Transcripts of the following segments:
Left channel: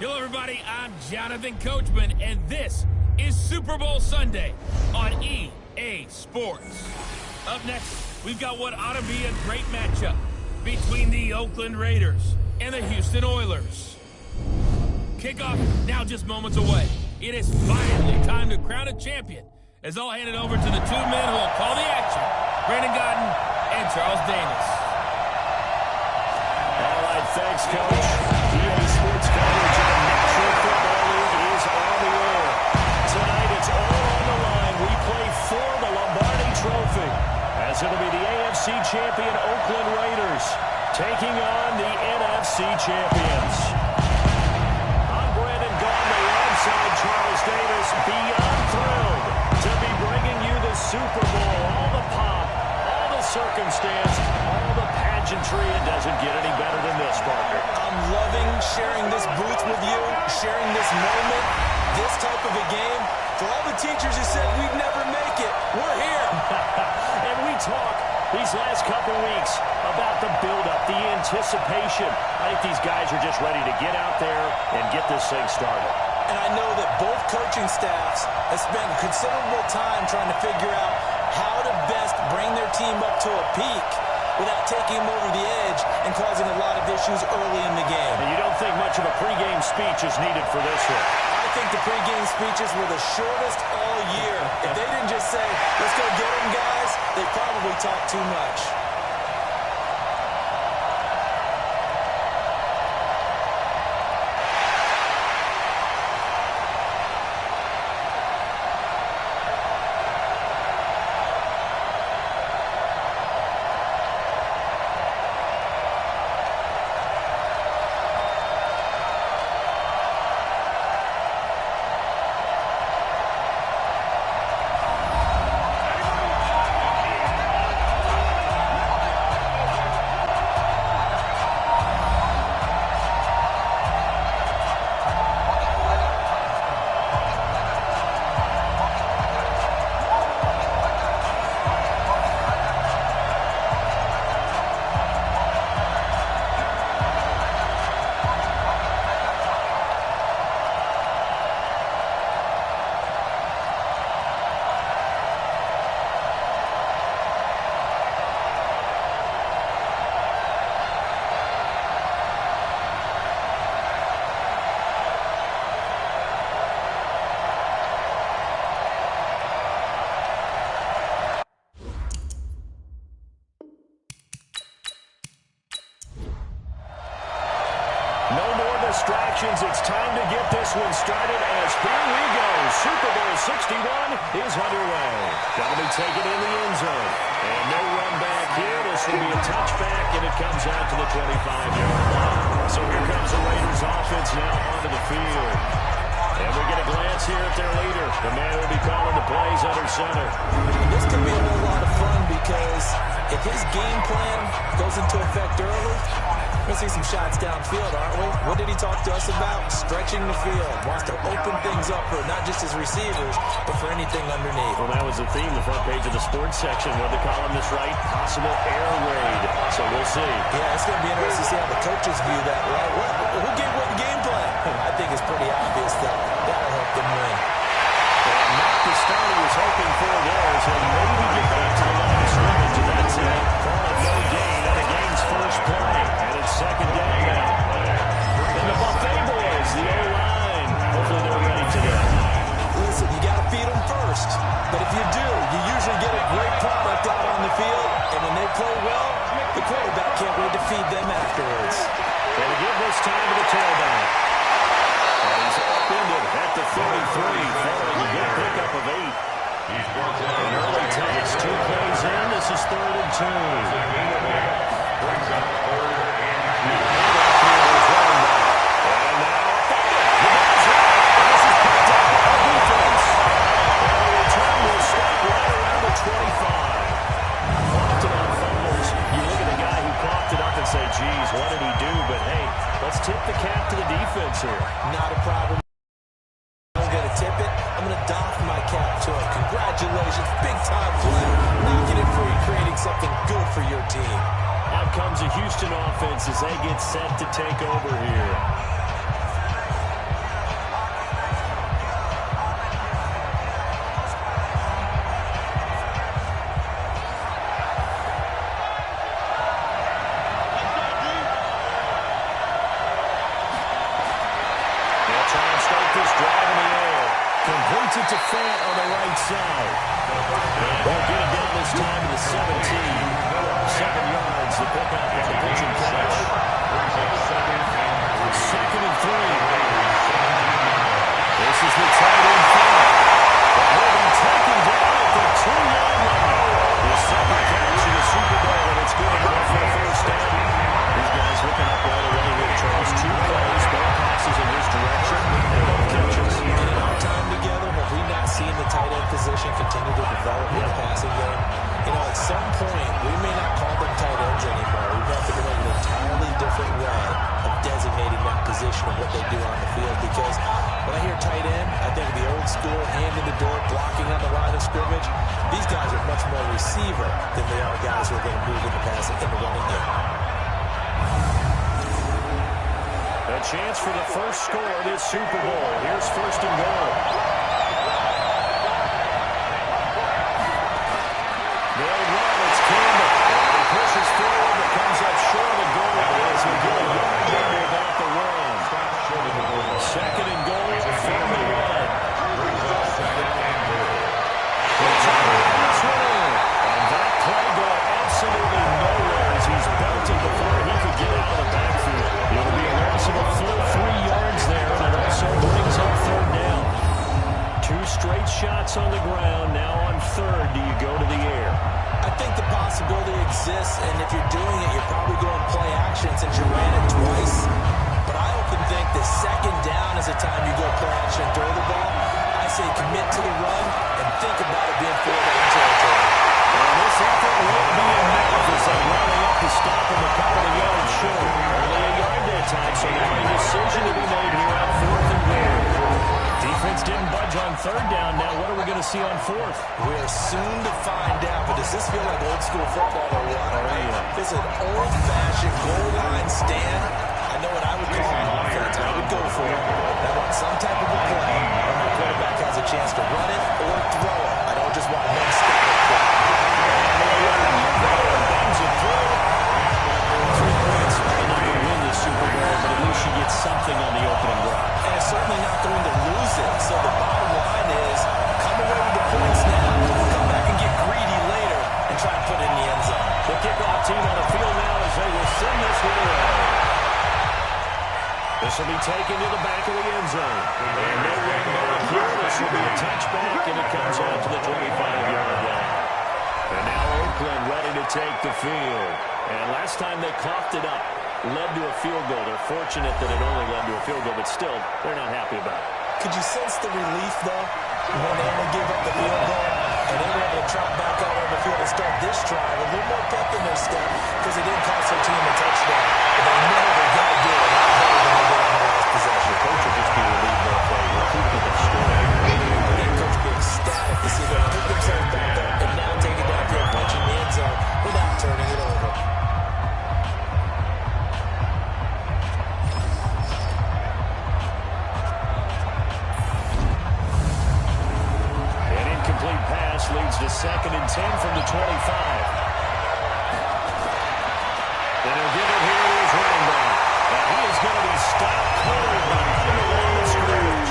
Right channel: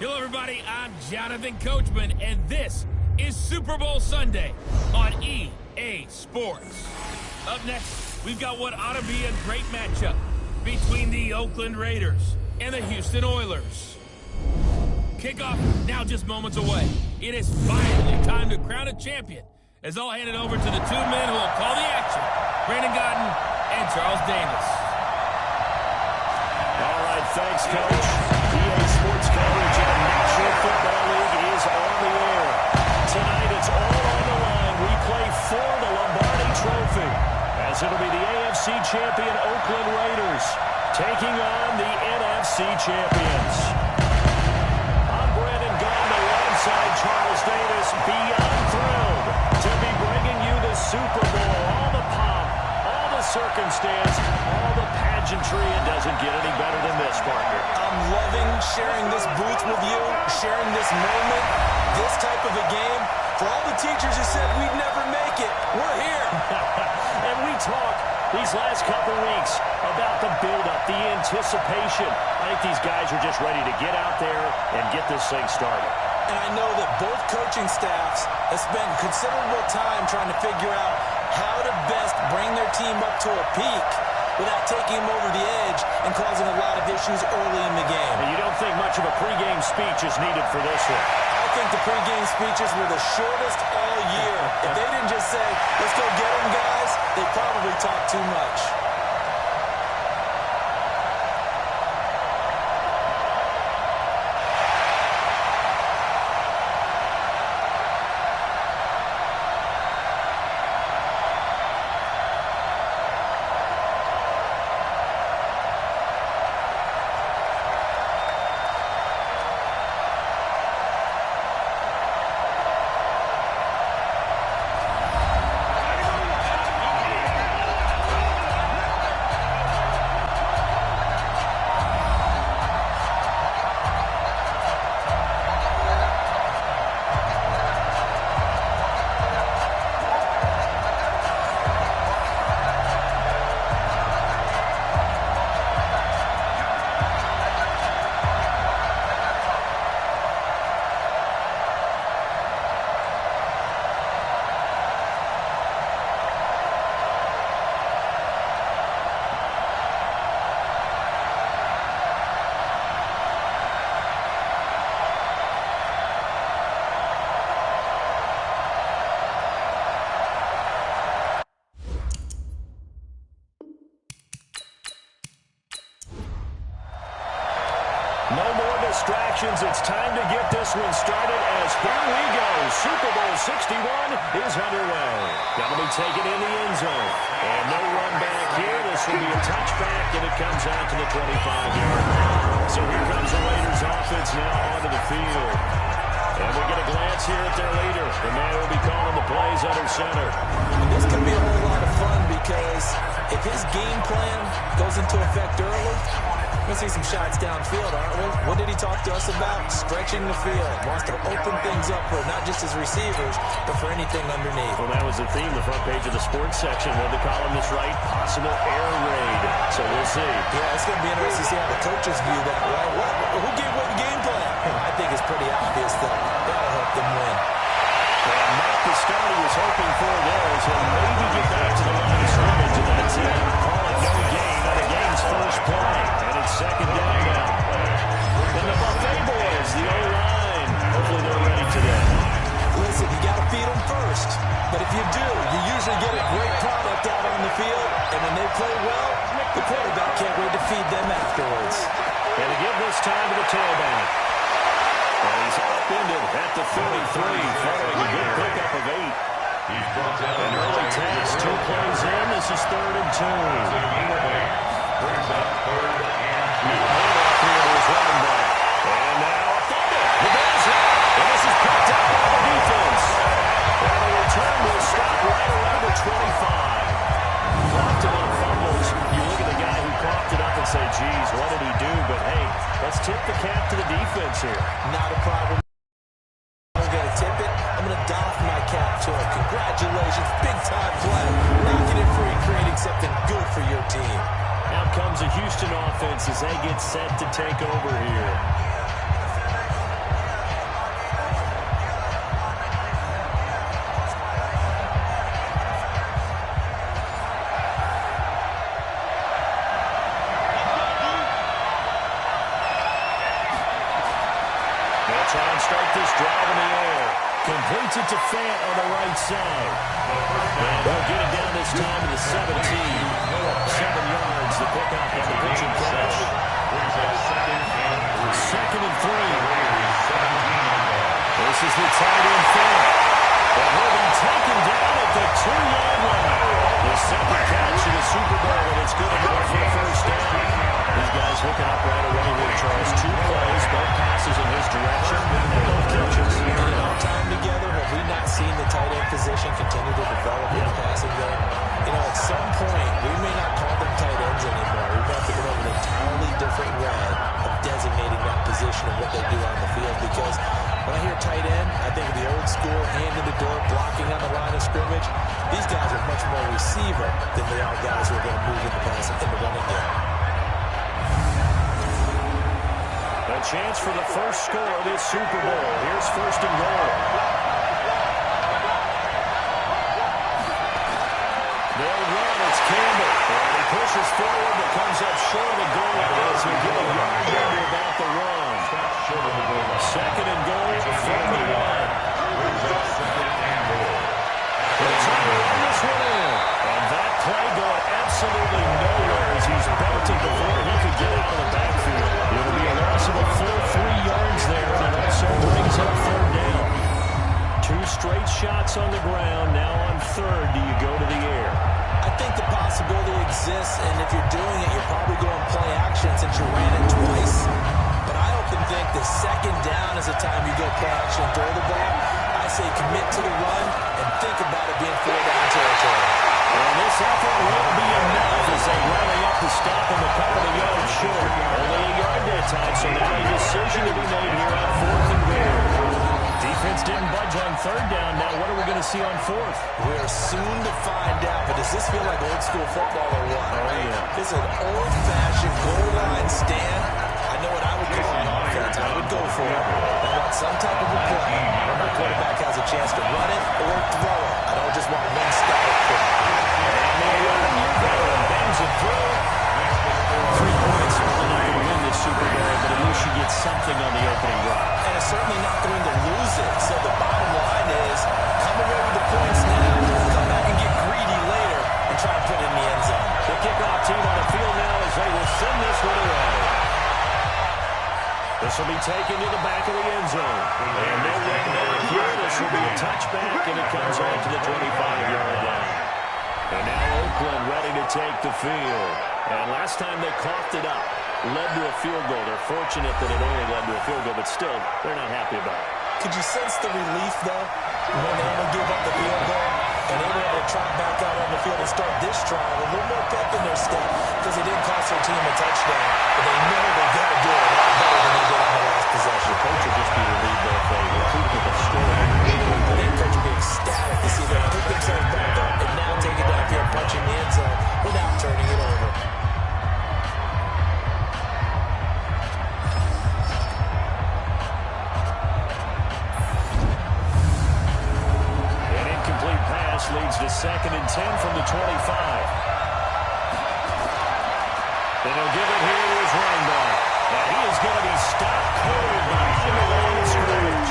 Hello, everybody. I'm Jonathan Coachman, and this is Super Bowl Sunday on EA Sports. Up next, we've got what ought to be a great matchup between the Oakland Raiders and the Houston Oilers. Kickoff now just moments away. It is finally time to crown a champion, as I'll hand it over to the two men who will call the action, Brandon Godden and Charles Davis. All right, thanks, Coach. EA Sports coverage of the National Football League is on the air. Tonight, it's all on the line. We play for the Lombardi Trophy, as it'll be the AFC champion Oakland Raiders taking on the NFC champions. I'm Brandon Gaudin alongside Charles Davis, beyond thrilled to be bringing you the Super Bowl. All the pomp, all the circumstance, all the pageantry. It doesn't get any better than this, partner. I'm loving sharing this booth with you, sharing this moment, this type of a game. For all the teachers who said we'd never make it, we're here. And we talk these last couple weeks about the build-up, the anticipation. I think these guys are just ready to get out there and get this thing started. And I know that both coaching staffs have spent considerable time trying to figure out how to best bring their team up to a peak without taking them over the edge and causing a lot of issues early in the game. And you don't think much of a pregame speech is needed for this one? I think the pregame speeches were the shortest all year. If they didn't just say, let's go get them, guys, they probably talked too much. No more distractions. It's time to get this one started as here we go. Super Bowl 61 is underway. That'll be taken in the end zone. And no run back here. This will be a touchback, and it comes out to the 25-yard line. So here comes the Raiders offense now onto the field. And we get a glance here at their leader, the man who will be calling the plays under center. And this could be a whole lot of fun because if his game plan goes into effect early, we're going to see some shots downfield, aren't we? What did he talk to us about? Stretching the field. Wants to open things up for not just his receivers, but for anything underneath. Well, that was the theme, the front page of the sports section. What did the columnist write? Possible air raid. So we'll see. Yeah, it's going to be interesting to see how the coaches view that, right? Who gave what game plan? I think it's pretty obvious that that'll help them win. And not the start he was hoping for there, so maybe get back to the line of scrimmage, and that's it. Call it no gain on the game's first play. And it's second down now. And the Buffet boys, the O-line, hopefully they're ready today. Listen, you got to feed them first. But if you do, you usually get a great product out on the field. And when they play well, the quarterback can't wait to feed them afterwards. And to give this time to the tailback. And he's upended at the 33, following a good pickup of 8. An early task, 2 plays in. This is 3rd and 2. Brings up 3rd and 2. Handoff here to his running back. And now a fumble. The ball's hit. And this is picked up by the defense. And the return will stop right around the 25. Often on fumbles, you look at the guy who coughed it up and say, geez, what did he do? But hey, let's tip the cap to the defense here. Not a problem. I'm going to tip it. I'm going to doff my cap to him. Congratulations. Big-time play. Knocking it free, creating something good for your team. Out comes the Houston offense as they get set to take over here. They'll try and start this drive in the air. Completes it to Fant on the right side. And they'll get it down this time to the 17. 7 yards to pick up on the pitch and catch. Second and 3. This is the tight end Fant. But he'll be taken down at the 2-yard line. The second catch in the Super Bowl, and it's good enough for a first down. These guys hooking up right away here, Charles. 2 plays, both passes in his direction, and both catches. And in our time together, have we not seen the tight end position continue to develop in the passing game? You know, at some point, we may not call them tight ends anymore. We may have to come up with an entirely different way of designating that position and what they do on the field. Because when I hear tight end, I think of the old school, hand in the dirt, blocking on the line of scrimmage. These guys are much more receiver than they are guys who are going to move in the pass in the running game. A chance for the first score of this Super Bowl. Here's first and goal. They'll run. It's Campbell. And he pushes forward but comes up short of the goal line as he'll get a yard under about the 1. Second and goal from the 1. They'll try to run this one in. And that play going absolutely nowhere as he's belted before he could get out of the backfield. It'll be a loss of a full 3 yards there, and it also brings up third down. 2 straight shots on the ground. Now on third, do you go to the air? I think the possibility exists, and if you're doing it, you're probably going play action since you ran it twice. But I often think the second down is the time you go play action and throw the ball. I say commit to the run and think about it being 4-down territory. And this effort won't be enough as they rally up to stop him a couple of yards short. Only a yard that time, so now a decision to be made here on 4th and goal. Defense didn't budge on third down. Now what are we going to see on 4th? We are soon to find out, but does this feel like old school football or what? Oh, right? yeah. It's an old-fashioned goal line stand. I know what I would call on offense. I would go for it. I want some type of a play where my quarterback has a chance to run it or throw it. I don't just want one static play. And they'll run it. You're going. Bangs it through. 3 points. Probably not going to win this Super Bowl, but at least you get something on the opening drive. And it's certainly not going to lose it. So the bottom line is come away with the points now, come back and get greedy later, and try and put it in the end zone. The kickoff team on the field now as they will send this one away. This will be taken to the back of the end zone. And no run back here. This will be a touchback, and it comes out to the 25-yard line. And now Oakland ready to take the field. And last time they coughed it up, led to a field goal. They're fortunate that it only led to a field goal, but still, they're not happy about it. Could you sense the relief, though, when they only gave up the field goal? And they were able to trot back out on the field and start this drive a little more pep in their step because they didn't cost their team a touchdown. But they know they've got to do it a lot better than they did on the last possession. The coach will just be relieved that they recoup the score. I think coach will be ecstatic to see them pick themselves back up and now take it downfield, punching the end zone without turning it over. Complete pass leads to 2nd and 10 from the 25. And he'll give it here to his running back. And he is going to be stopped cold behind the line of scrimmage.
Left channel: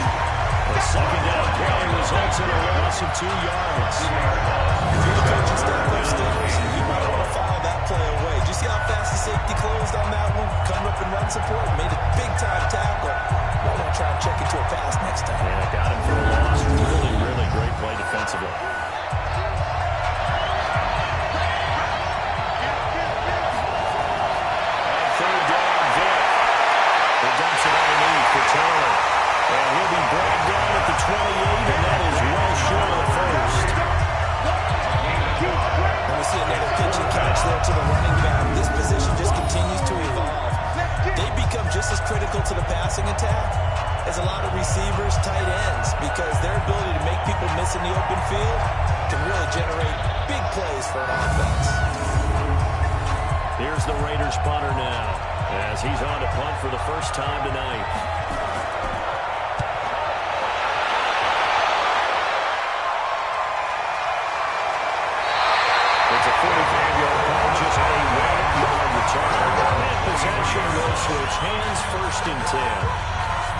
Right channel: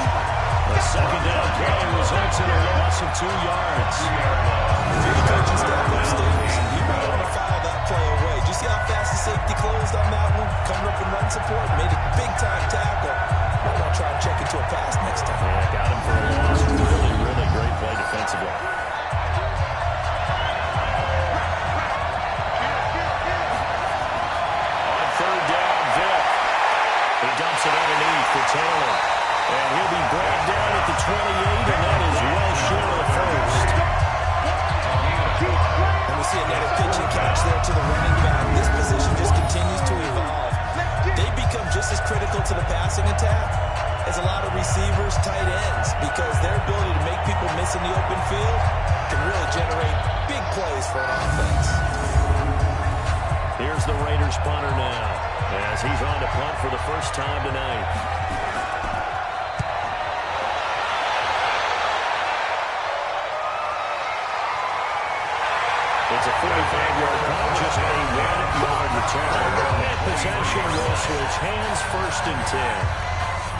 A second down play results in a loss of 2 yards. If you're the coaching staff upstairs, you might want to file that play away. Did you see how fast the safety closed on that one? Coming up in run support, made a big-time tackle. Might want to try and check into a pass next time. Yeah, got him for a loss. Really, really great play defensively. On third down, Vick. He dumps it underneath for Taylor. And he'll be brought down at the 28, and that is well short of the first. And we see another pitch and catch there to the running back. This position just continues to evolve. They become just as critical to the passing attack as a lot of receivers, tight ends, because their ability to make people miss in the open field can really generate big plays for an offense. Here's the Raiders punter now as he's on to punt for the first time tonight. It's a 45-yard punt, just a 1-yard return. And possession will switch hands, 1st and 10.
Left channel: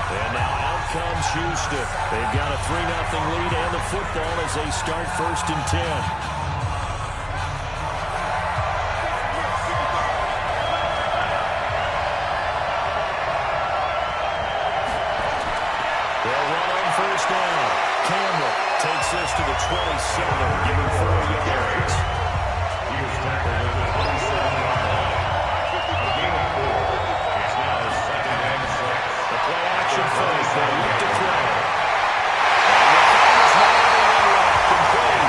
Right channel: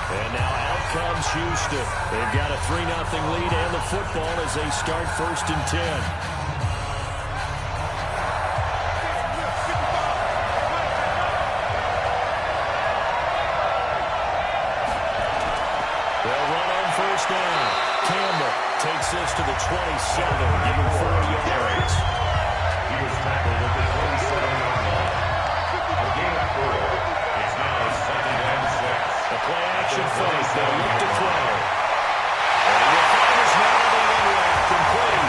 And now out comes Houston. They've got a 3-0 lead and the football as they start 1st and 10. They'll run on 1st down. Campbell takes this to the 27, giving 4 yards. He was tackled at the 27-yard line. A gain of 4. It's now 2nd and 6. The play-action fake. They'll look to throw. And the throw is not on the end route. Complete.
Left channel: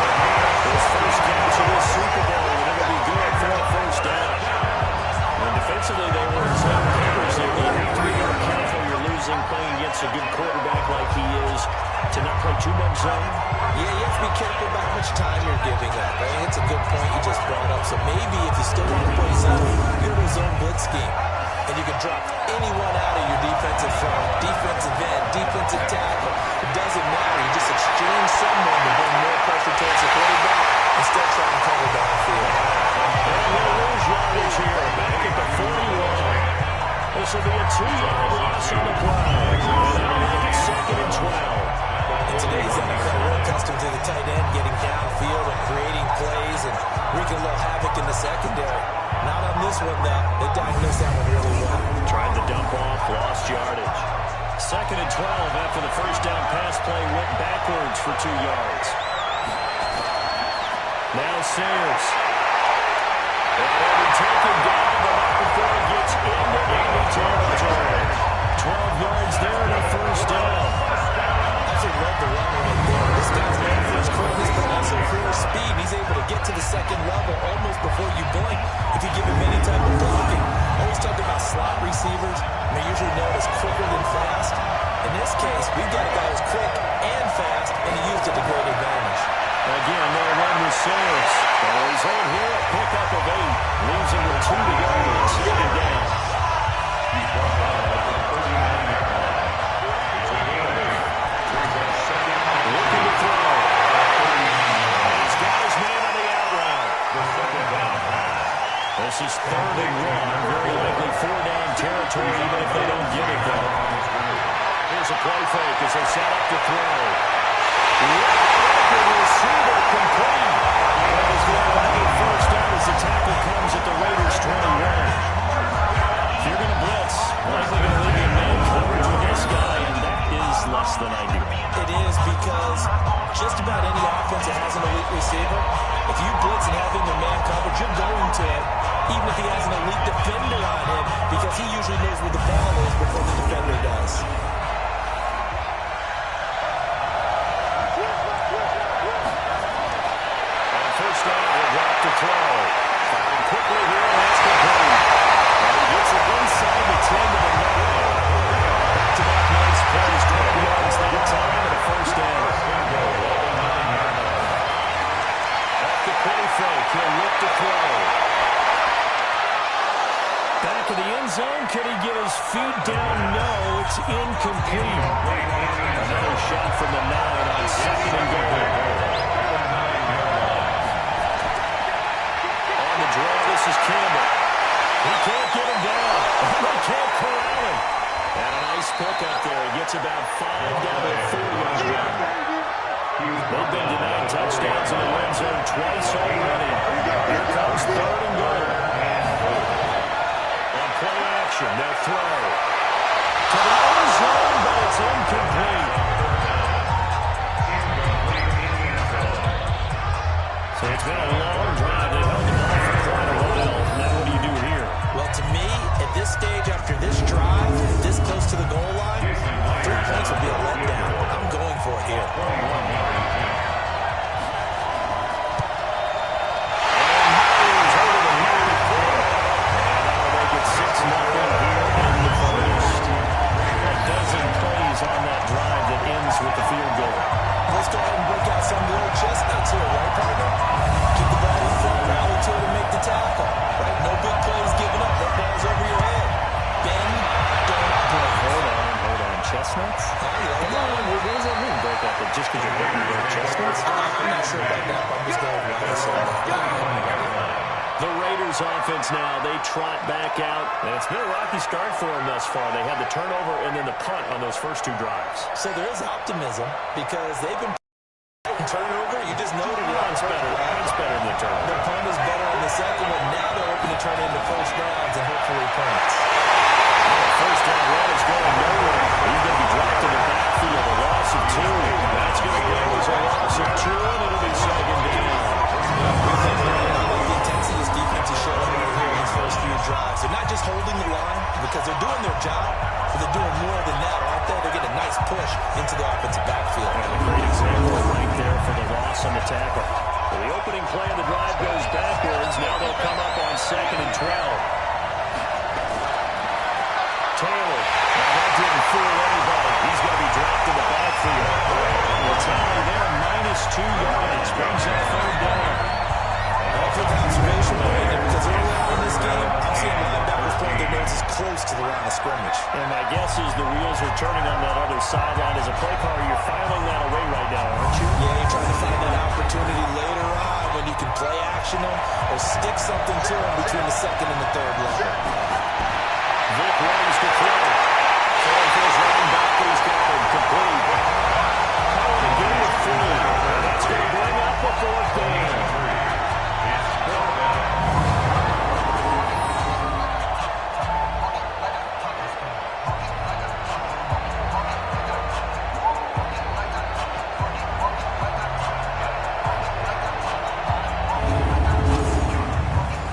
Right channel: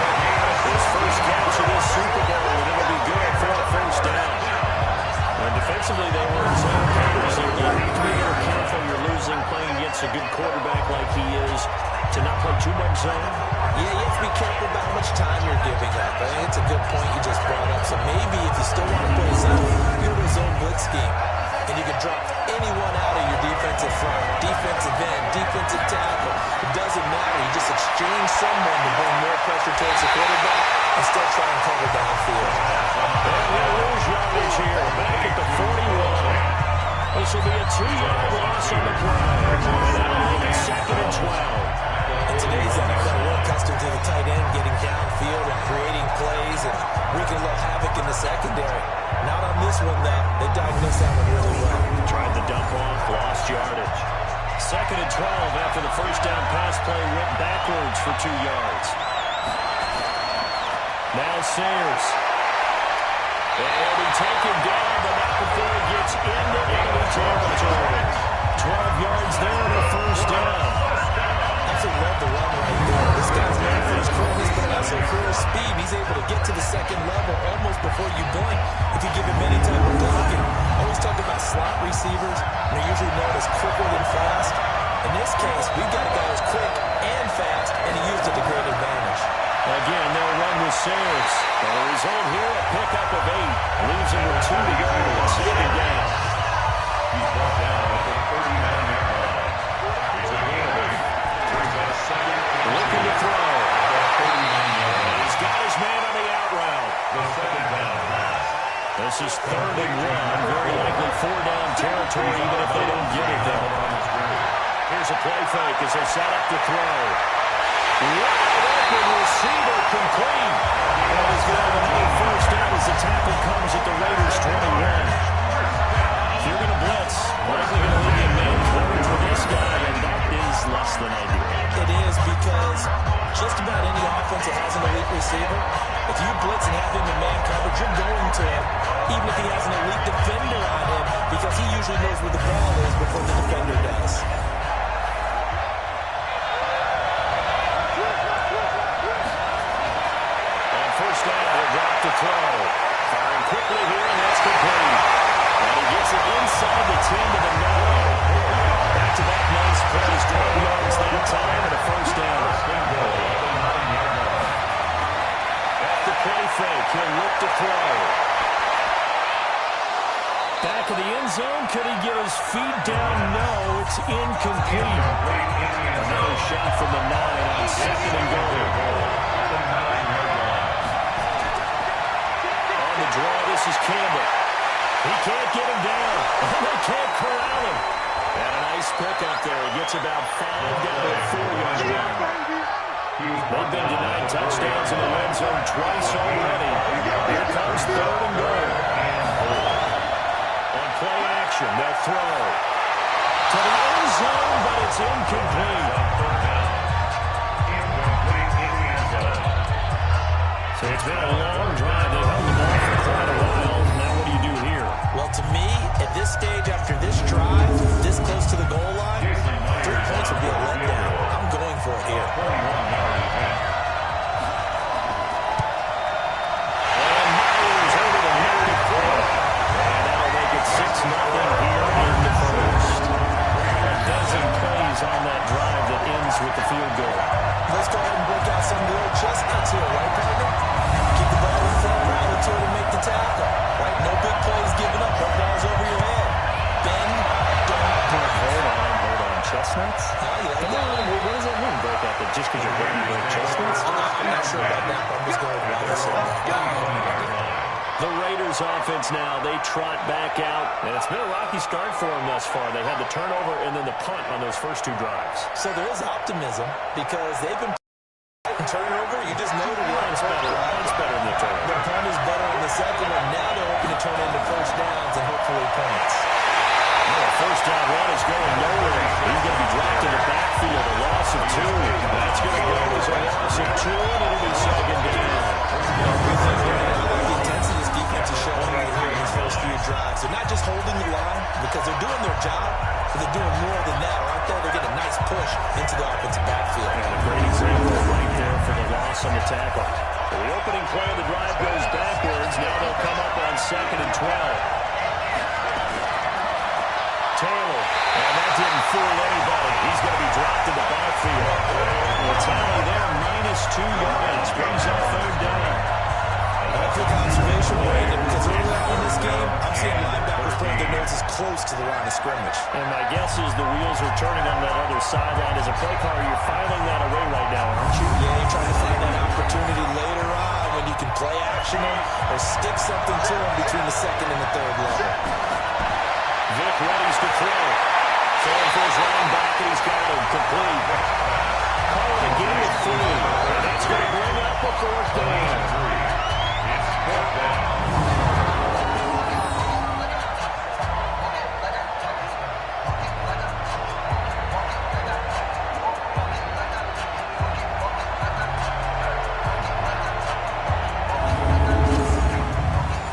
His first catch of this Super Bowl, and it'll be good for a 1st down. And defensively, they were in zone coverage. You have to be a little careful. You're losing playing against a good quarterback like he is to not play too much zone. Yeah, you have to be careful about how much time you're giving up. I think it's a good point you just brought up. So maybe if you still want to play zone, you go to a zone blitz scheme. And you can drop anyone out of your defensive front, defensive end, defensive tackle. It doesn't matter. You just exchange someone to bring more pressure towards the quarterback and still try and cover downfield. And he'll lose yardage here, back at the 41. This will be a 2-yard loss on the play. And that'll make it 2nd and 12. In today's NFL, we're accustomed to the tight end getting downfield and creating plays and wreaking a little havoc in the secondary. Not on this one, though. They diagnosed that one really well. Tried the dump off, lost yardage. 2nd and 12 after the 1st down pass play went backwards for 2 yards. Now Sayers. And he'll be taken down, but not before he gets into enemy territory. 12 yards there and a 1st down. Absolutely love the run right there. This guy's known for his quickness, but also for his speed. He's able to get to the 2nd level almost before you blink if you give him any type of blocking. Always talk about slot receivers, and they're usually known as quicker than fast. In this case, we've got a guy who's quick and fast, and he used it to great advantage. Again, they'll run with Sayers. The result here, a pickup of 8. Leaves him with 2 to go and 2nd down. He's brought down at the 39-yard line. It's a gain of 8. Looking to throw. He's got his man on the out route. The 2nd down pass. This is 3rd and 1. Very likely 4-down territory, even if they don't get it, though. Here's a play fake as they set up to throw. Wide open receiver complete. And he's going to have another 1st down as the tackle comes at the Raiders' 21. If you're going to blitz, likely going to leave you in man coverage with this guy, and that is less than ideal. It is because just about any offense that has an elite receiver, if you blitz and have him in man coverage, you're going to him, even if he has an elite defender on him, because he usually knows where the ball is before the defender does. On 1st down, he'll drop to throw. Firing quickly here, and that's complete. And he gets it inside the 10 to the 9. Back-to-back nice plays, 12 yards that time, and a 1st down. Off the play fake, he'll look to throw. Back of the end zone, could he get his feet down? No, it's incomplete. Another shot from the 9 on 2nd and goal. On the draw, this is Campbell. He can't get him down. They can't corral him. And a nice pick up there. He gets about 5 down to the 4-yard line. They've been denied touchdowns in the red zone twice already. Here comes 3rd and goal. On play action, they'll throw. To the end zone, but it's incomplete. So it's been a long drive. They've held the ball for quite a while. Now what do you do here? Well, to me, at this stage, after this drive, this close to the goal line, 3 points would be a letdown. I'm going for it here. And Myers over the middle to throw. And that'll make it 6-0 here in the 1st. A dozen plays on that drive that ends with the field goal. Let's go ahead and break out some of the old chestnuts here, right, partner? Keep the ball in front, rally to it, and make the tackle. Right? No big plays given up. No balls over your head. Bend, don't break. Hold on. Chestnuts? You like Come that? on, what does that mean, break out? That just because you're breaking break chestnuts? I'm not sure about that, but I'm just going with what I said. The Raiders offense now, they trot back out, and it's been a rocky start for them thus far. They had the turnover and then the punt on those first two drives. So there is optimism because they've been turnover. You just noted it. Punt's better than the turnover. The punt is better on the second one. Now they're hoping to turn into first downs and hopefully points. The first down run is going nowhere. He's going to be dropped in the backfield. A loss of 2. That's going to go as a loss of 2, and it'll be second down. I like the intensity this defense is showing right here in these first few drives. They're not just holding the line because they're doing their job, but they're doing more than that, aren't they? They're getting a nice push into the offensive backfield. And a great example right there for the loss on the tackle. So the opening play of the drive goes backwards. Now they'll come up on 2nd and 12. Taylor, and that didn't fool anybody. He's going to be dropped in the backfield. The tally there, -2 yards, brings up 3rd down. A quick observation, Brandon, because early on in this game, I'm seeing linebackers putting their noses close to the line of scrimmage. And my guess is the wheels are turning on that other sideline. As a play caller, you're filing that away right now, aren't you? Yeah, you're trying to find that opportunity later on when you can play action them or stick something to them between the 2nd and the 3rd level. Vic readies to throw. Throwing for his running back, and he's got him complete. Call it a game of 3. And that's going to bring up a 4th down.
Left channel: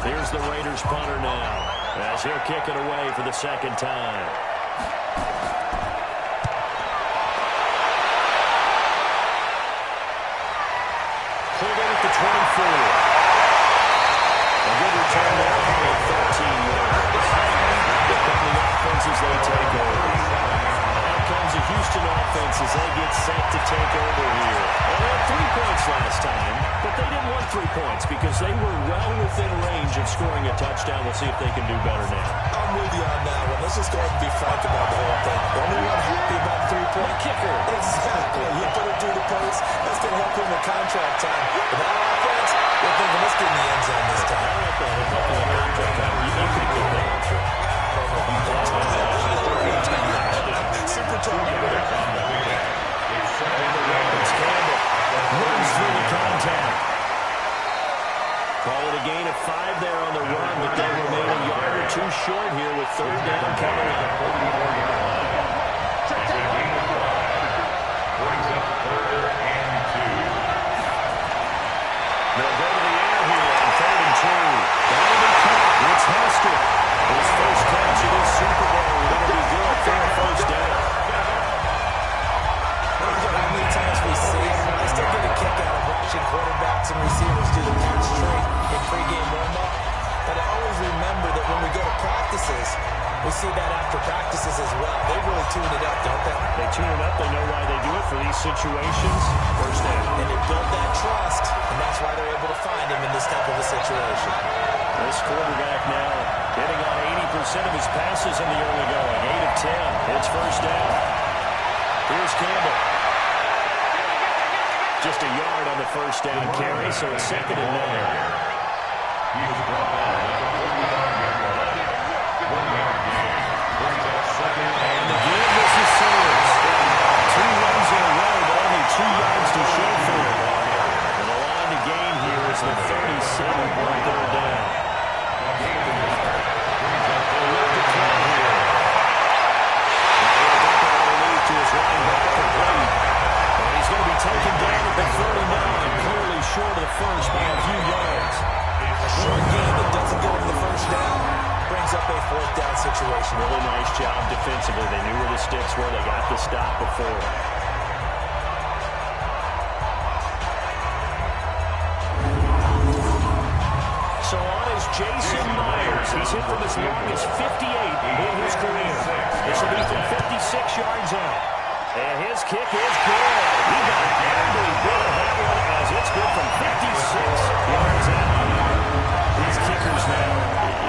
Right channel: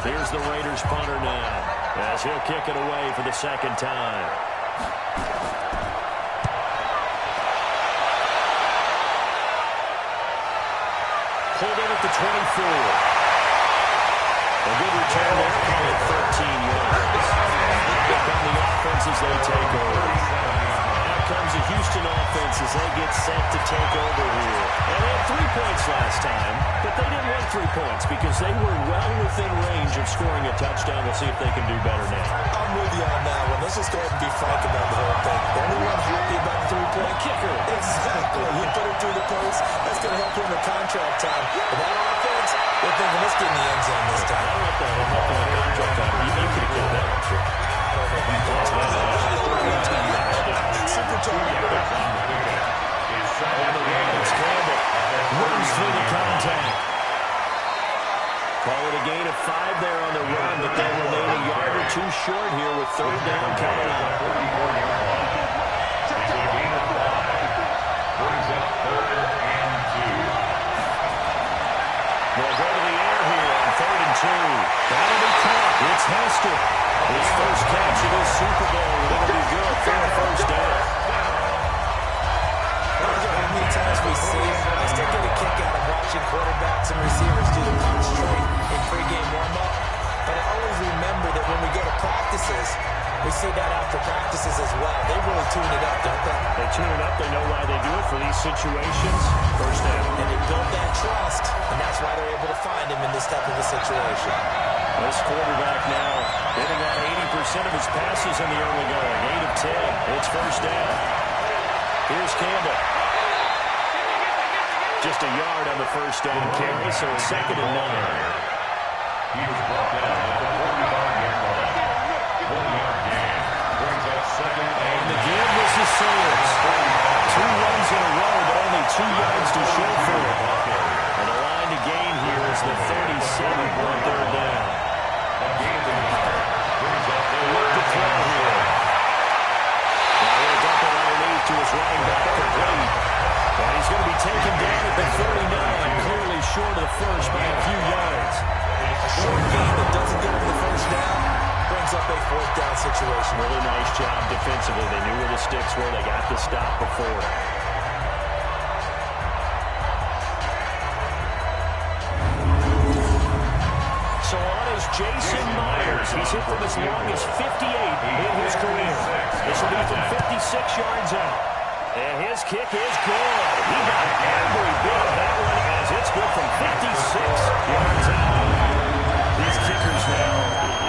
Here's the Raiders punter now, as he'll kick it away for the 2nd time. Pulled in at the 24. A good return there, probably 13 yards. Here come the offense as they take over. Out comes the Houston offense as they get set to take over here. And they had 3 points last time, but they didn't want 3 points because they were well within range of scoring a touchdown. We'll see if they can do better now. I'm with you on that one. Let's just go ahead and be frank about the whole thing. The only one happy about the 3-point kicker. Exactly. You put it through the post. That's going to help him in contract time. But that offense, they're thinking, let's get in the end zone this time. I don't know if that will help him in contract time. You could have killed that one, sure. I don't know about that. Super tough. It's Campbell. Runs through the contact. Call it a gain of 5 there on the run, but they'll remain a yard or 2 short here with 3rd down coming up. It's a gain of 5. Brings up 3rd and 2. They'll go to the air here on 3rd and 2. That'll be caught. It's Hester. His first catch of this Super Bowl. It'll be good for a 1st down. How many times we see it, I still get a kick out of watching quarterbacks and receivers do the punch straight in pregame warm-up. But I always remember that when we go to practices, we see that after practices as well. They really tune it up, don't they? They tune it up. They know why they do it for these situations. 1st down. And they build that trust, and that's why they're able to find him in this type of a situation. This quarterback now hitting on 80% of his passes in the early going. 8 of 10. It's 1st down. Here's Campbell. Just a yard on the 1st down carry, so it's 2nd and 9. He was brought down at the 45-yard line. 1-yard gain. Brings up 2nd and the game was the Saints. 2 runs in a row, but only 2 yards to show for it. And the line to gain here is the 37 on 3rd down. A gain of a yard. Brings up They look to throw here. Now he'll dump it underneath to his running back complete. And he's going to be taken down at the 39, clearly short of the first by a few yards. A short game that doesn't get him the 1st down brings up a 4th down situation. Really nice job defensively. They knew where the sticks were. They got the stop before. So on is Jason Myers. He's hit from as long as 58 in his career. This will be from 56 yards out. And his kick is good. He got every bit of that one as it's good from 56 yards out. These kickers now,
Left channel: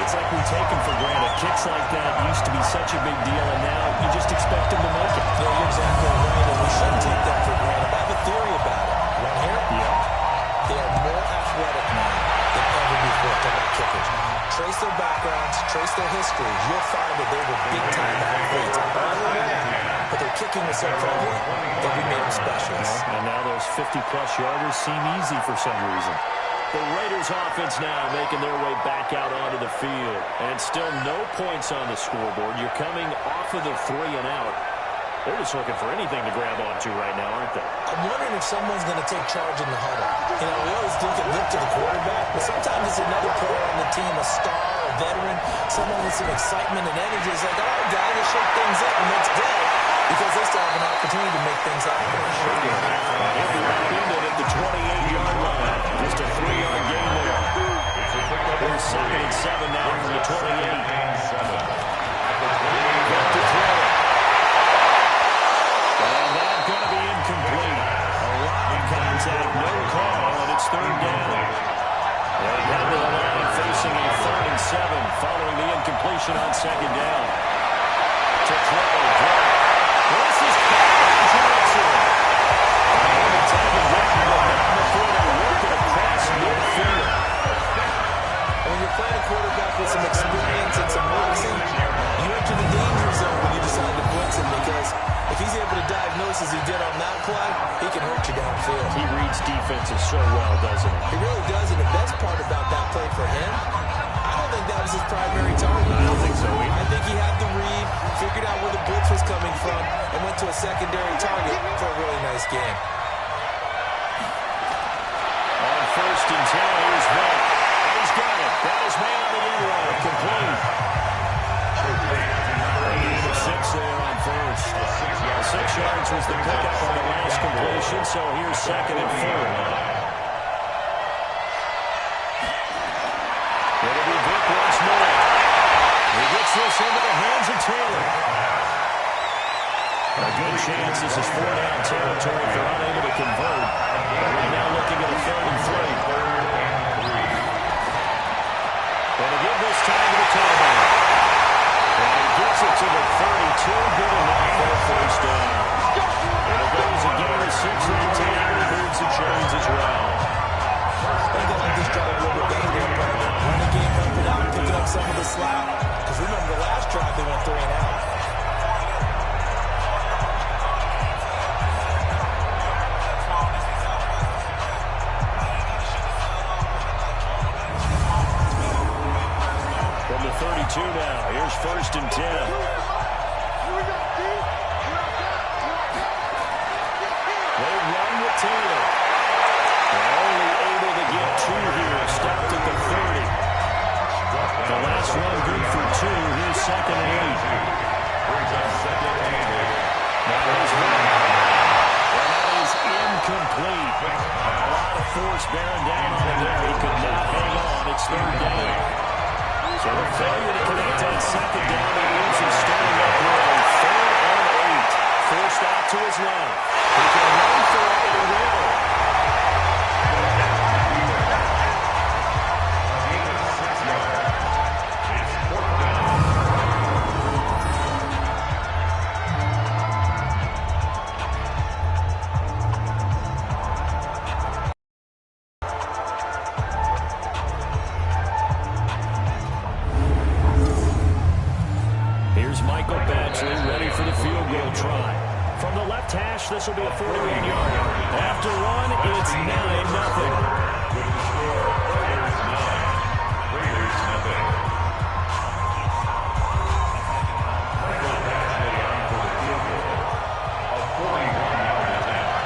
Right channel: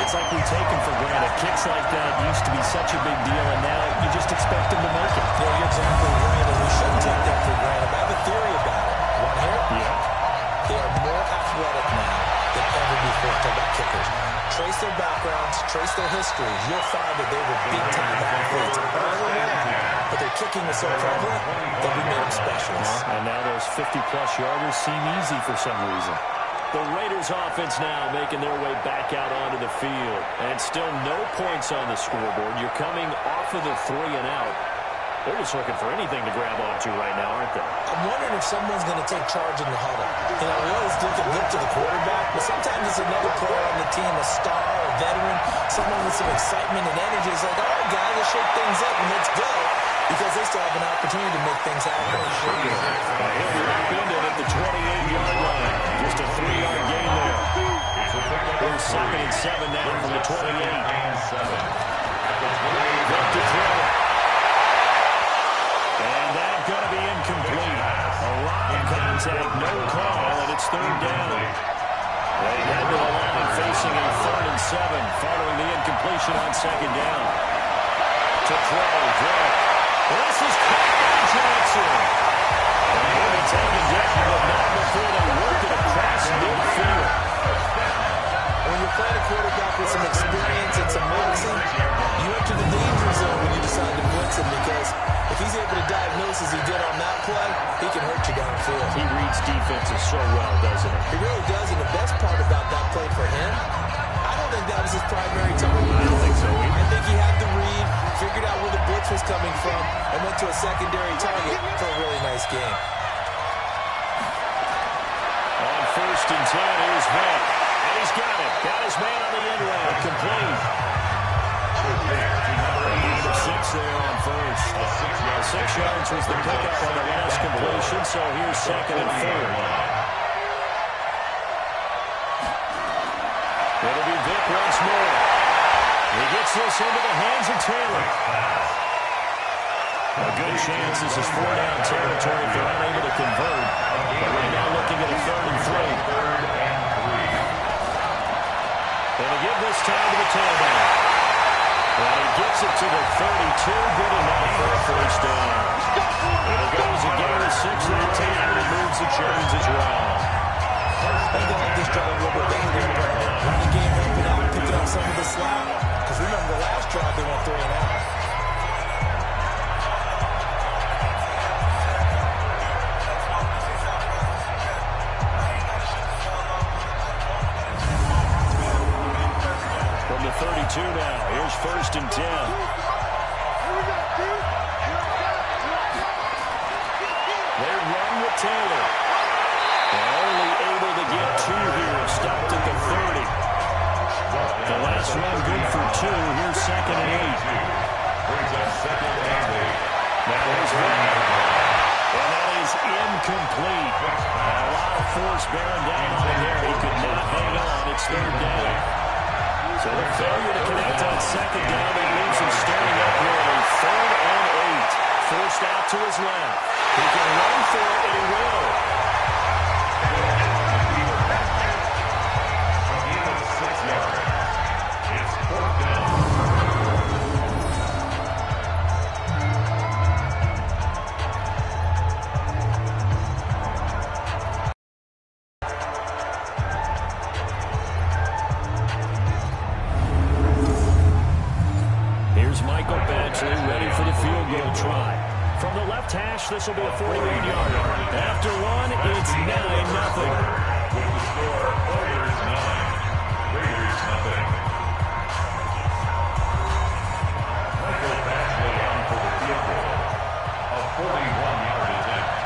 it's like we take them for granted. Kicks like that used to be such a big deal, and now you just expect them to make it. Yeah, you're exactly right, and we shouldn't take them for granted. But I have a theory about it. You want to hear it? Yeah. They are more athletic now. than ever before. Talk about kickers. Trace their backgrounds, trace their histories. You'll find that they were big-time athletes early on, but their kicking was so prevalent that we made them specialists. And now those 50-plus yarders seem easy for some reason. The Raiders offense now making their way back out onto the field. And still no points on the scoreboard. You're coming off of the 3 and out. They're just looking for anything to grab onto right now, aren't they? I'm wondering if someone's going to take charge in the huddle. You know, we always look to the quarterback, but sometimes it's another player on the team, a star, a veteran, someone with some excitement and energy. It's like, all right, guys, let's shake things up and let's go, because they still have an opportunity to make things happen. He'll be upended at the 28-yard line. Just a 3-yard gain there. Here's 2nd and 7 now from the 28. Left to throw it. And that's going to be incomplete. A lot of contact, no call, and it's 3rd down. They head to the line facing a 3rd and 7 following the incompletion on 2nd down. To throw, drop. This is Calvin Johnson. And he'll be taken down, but not before they work it across midfield. When you're playing a quarterback with some experience and some moxie, you enter the danger zone when you decide to blitz him, because if he's able to diagnose as he did on that play, he can hurt you downfield. He reads defenses so well, doesn't he? He really does, and the best part about that play for him, I don't think that was his primary target. I don't think so either. I think he had the read, figured out where the blitz was coming from, and went to a secondary target for a really nice game. On 1st and 10, here's Vick. And he's got it. Got his man on the end route. Complete. A gain of 6 there on 1st. 6 yards was the pickup on the last completion, so here's 2nd and 4. It'll be Vick once more. He gets this into the hands of Taylor. A good chance this is 4-down territory if they're unable to convert. But right now looking at a 3rd and 3. And to give this time to the tailback. And he gets it to the 32. Good enough for a 1st down. And it goes a gain of 6 that time, and he moves the chains as well. I think I like this drive a little bit better than running game, helping out, picking up some of the slack. Because remember, the last drive they went 3 and out. From the 32 now, here's 1st and 10. They run with Taylor. They're only able to get 2 here, stopped at the 30. The last run good for 2. Here's 2nd and 8. Brings up 2nd and 8. Now here's Vick. And that is incomplete. A lot of force bearing down on him there. He could not hang on. It's 3rd down. So the failure to connect on 2nd down, that leaves him standing up with a 3rd and 8. Forced out to his left. He can run for it, and he will. A gain of 6 yards. It's 4th down. Here's Michael Badgley ready for the field goal try. From the left hash, this will be a 41-yarder. After 1, it's 9-0. With the score, Raiders 9, Raiders nothing. Michael Badgley on for the field goal. A 41-yard attempt.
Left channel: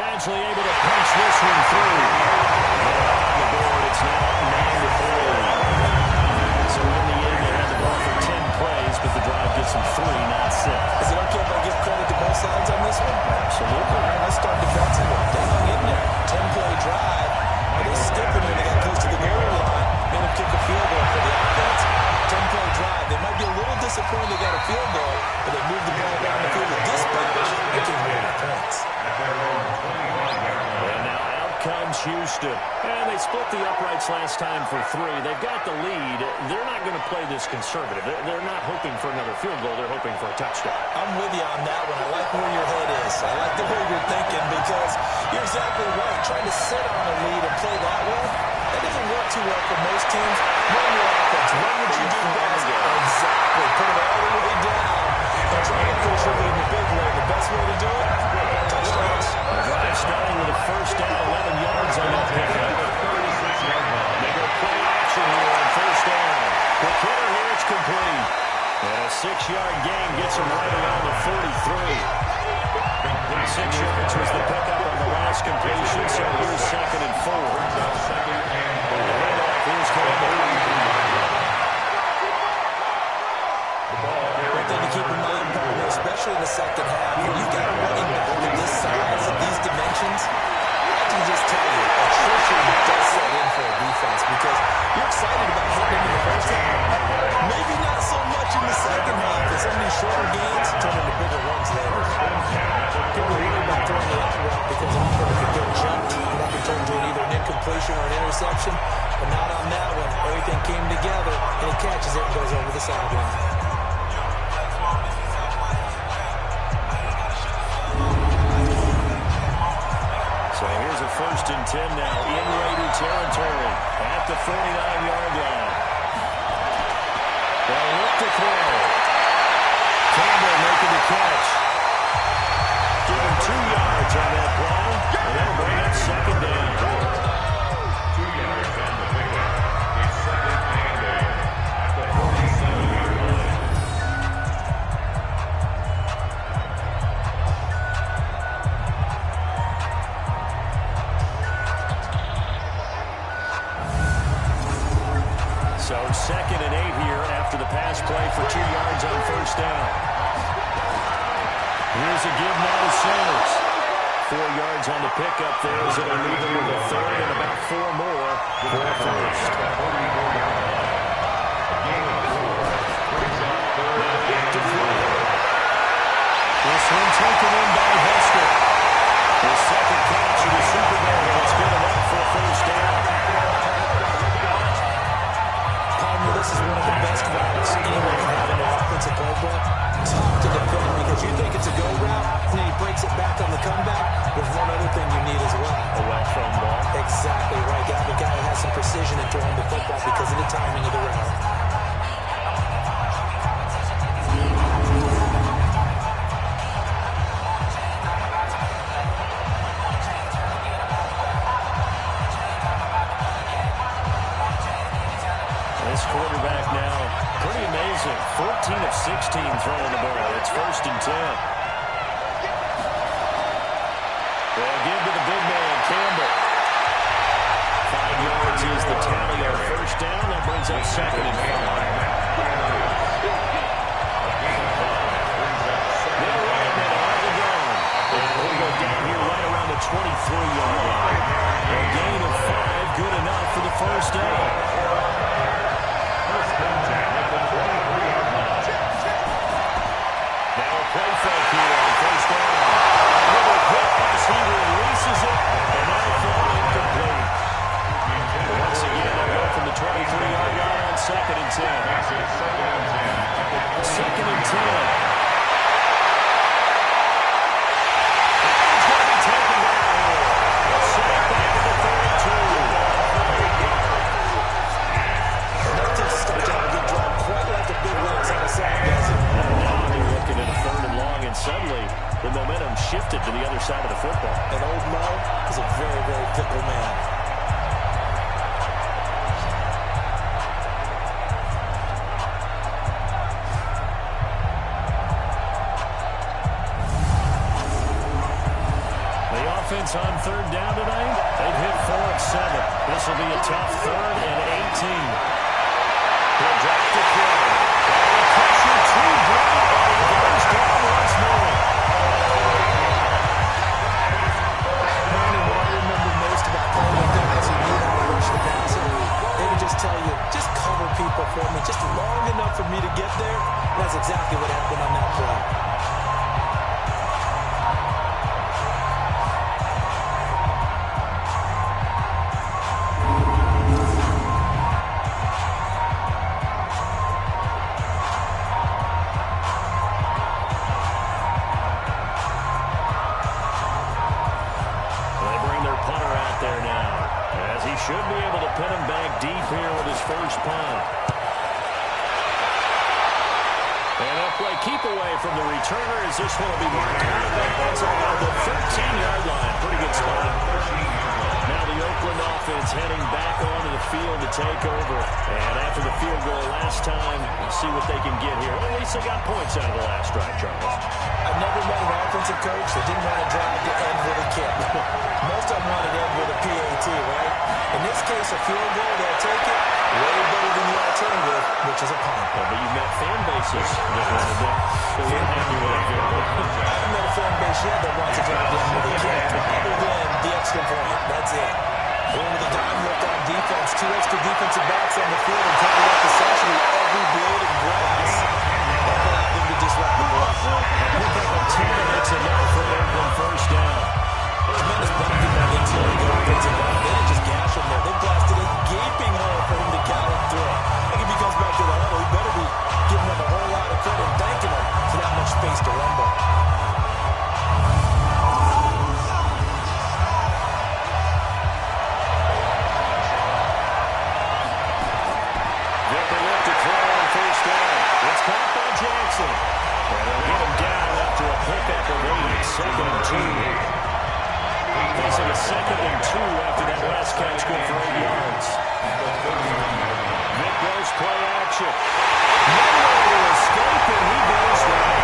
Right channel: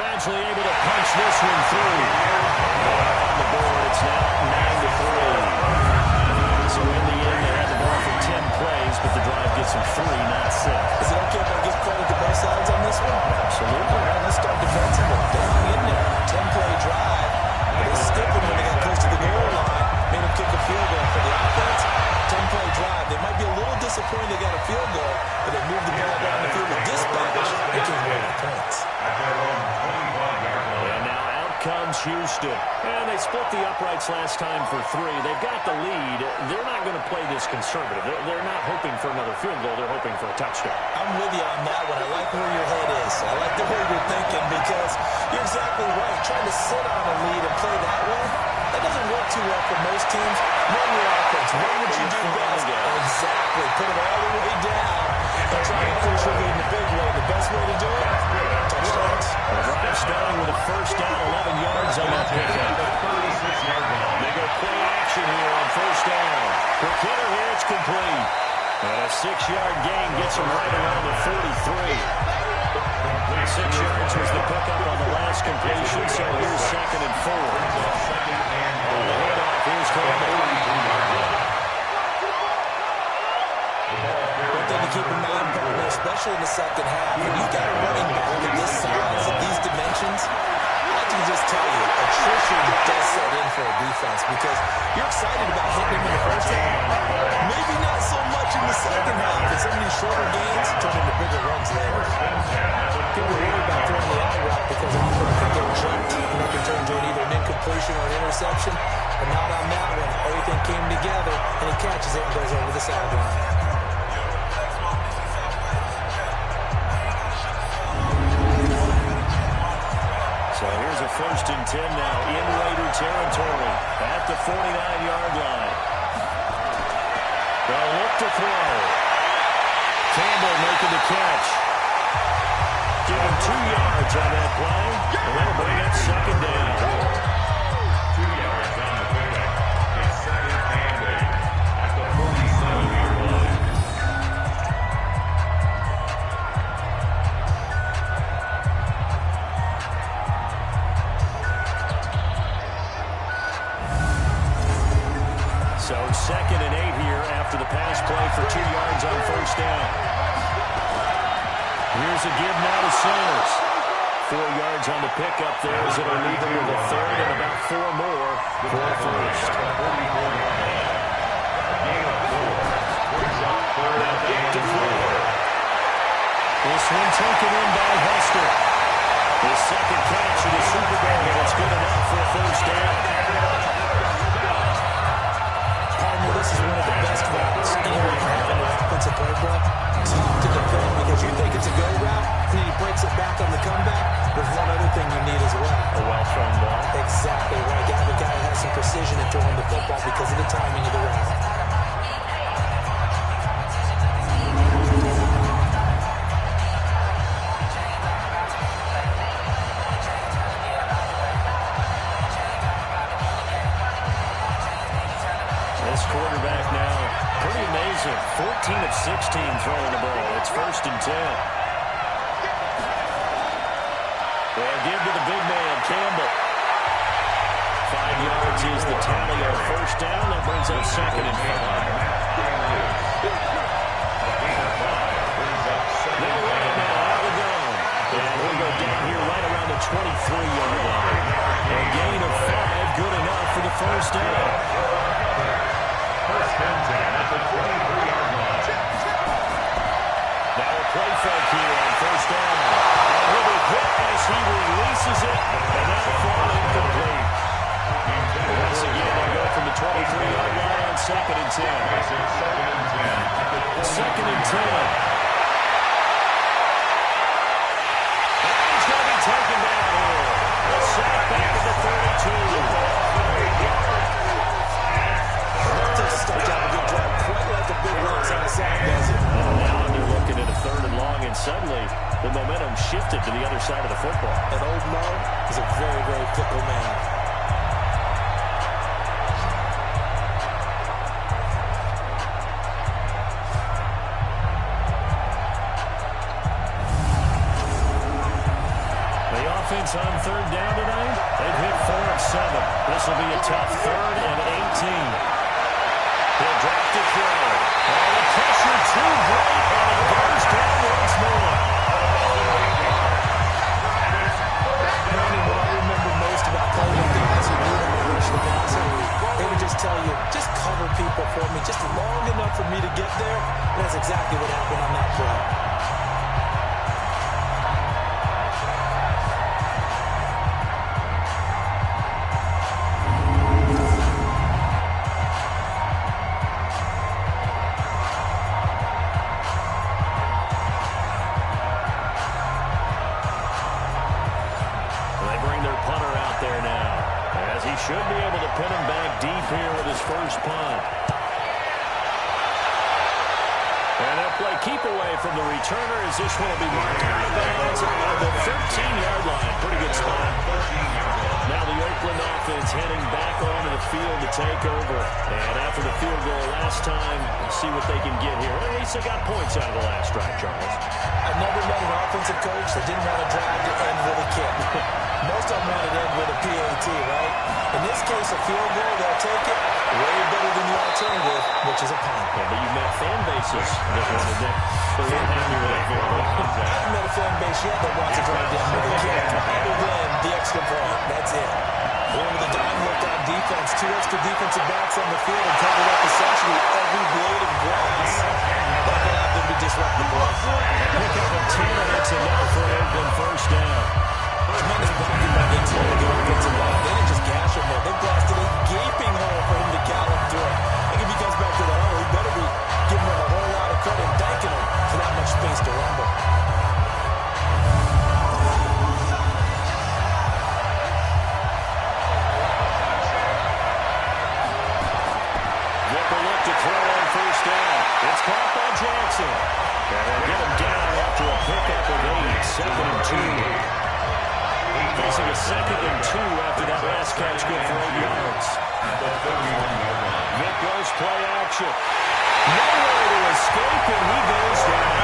Badgley able to punch this one through. On the board, it's now 9-3. So in the end, they had the ball for 10 plays, but the drive gets them 3, not 6. Is it okay if I give credit to both sides on this one? Absolutely. All right, let's start defensively. They hung in there. 10-play drive. But they stiffened when they got close to the goal line. Made them kick a field goal for the offense. 10-play drive. They might be a little disappointed they got a field goal, but they moved the ball down the field with dispatch and came away with points. At their own 25-yard line. And now out comes Houston. And they split the uprights last time for 3. They've got the lead. They're not going to play this conservative. They're not hoping for another field goal. They're hoping for a touchdown. I'm with you on that one. I like where your head is. I like the way you're thinking because you're exactly right. Trying to sit on a lead and play that way, that doesn't work too well for most teams. Run your offense. Run what you do best. Exactly. Put it all the way down and try to push your lead in a big way. The best way to do it, touchdowns. The drive starting with a first down, 11 yards on that pickup. They go play action here on first down. Quick hitter here, it's complete. And a 6-yard gain gets him right around the 43. 6 yards was the pickup on the last completion, so here's 2nd and 4. And the handoff is Campbell. One thing to keep in mind, partner, especially in the second half, when you've got a running back of this size, of these dimensions, I can just tell you, attrition does set in for a defense because you're excited about hitting him in the first half. Maybe not so much in the second half, and some of these shorter gains turn into bigger runs later. People worry about throwing the out route because often it can get jumped, and that can turn into either an incompletion or an interception, but not on that one. Everything came together, and he catches it and goes over the sideline. So here's a 1st and 10 now in Raider territory at the 49-yard line. They'll look to throw. Campbell making the catch. Give him 2 yards on that play, and that'll bring up 2nd down. 2 yards on the pickup. It's 2nd and 8 at the 47-yard line. So 2nd and 8 here after the pass play for 2 yards on first down. Here's a give now to Sanders. 4 yards on the pickup there as it'll leave them with a 3rd and about 4 more for a first. This one taken in by Hester. His 2nd catch in the Super Bowl. That's good enough for a first down. This is one of the best routes anyone can have in their offensive playbook. Tough to defend because you think it's a go route, and then he breaks it back on the comeback. There's one other thing you need as well. A well-thrown ball. Exactly right. You have a guy who has some precision in throwing the football because of the timing of the route. This quarterback now, pretty amazing. 14 of 16 throwing the ball. It's 1st and 10. They'll give to the big man, Campbell. 5 yards is the tally on first down. That brings up 2nd and 5. They'll run it now out of the gun. And we'll go down here right around the 23-yard line. A gain of 5, good enough for the first down. 1st and 10 at the 23-yard line. Now a play fake here on first down. A little hit as he releases it, and that'll fall incomplete. But once again, they'll go from the 23-yard line on 2nd and 10. Makes it 2nd and 10 at the 2nd and 10. And he's going to be taken down here. A sack back at the 32. Start to have a good drive, quite like a big loss on a sack, does it? And now they're looking at a 3rd and long, and suddenly the momentum shifted to the other side of the football. And old Mo is a very, very fickle man. The offense on 3rd down tonight, they've hit 4 of 7. This will be a tough 3rd and 18. He'll drop to throw. All the pressure too great, and he goes down once more. Brandon, what I remember most about playing with guys who knew how to rush the passer, they would just tell you, just cover people for me, just long enough for me to get there. And that's exactly what happened on that play. deep here with his first punt. And they'll play keep away from the returner as this one will be marked out of bounds on the 13-yard line. Pretty good spot. Now the Oakland offense heading back onto the field to take over. And after the field goal last time, we'll see what they can get here. At least they got points out of the last drive, Charles. I've never met an offensive coach that didn't want to drive to end with a kick. Most of them want to end with a PAT, right? In this case, a field goal, they'll take it. Way better than the alternative, which is a punt. Yeah, but you met fan bases that wanted that. They weren't happy with that field goal. I haven't met a fan base yet that wants to drive to end with a kick, other than the extra point. That's it. One with a dime look on defense. Two extra defensive backs on the field and covered up essentially every blade of grass. That allowed them to disrupt the block. A pickup of 10, and that's enough for an Oakland first down. Tremendous blocking by the interior of the offensive line. They didn't just gash him there. They blasted a gaping hole for him to gallop through. I think if he comes back to the huddle, he better be giving them a whole lot of credit and thanking them for that much space to rumble. Vicker look to throw on first down. It's caught by Jackson. And they'll get him down after a pickup of 8. Second and 2. Facing a second and 2 after that last catch, good for 8 yards. Vick goes play action. Nowhere to escape, and he goes down.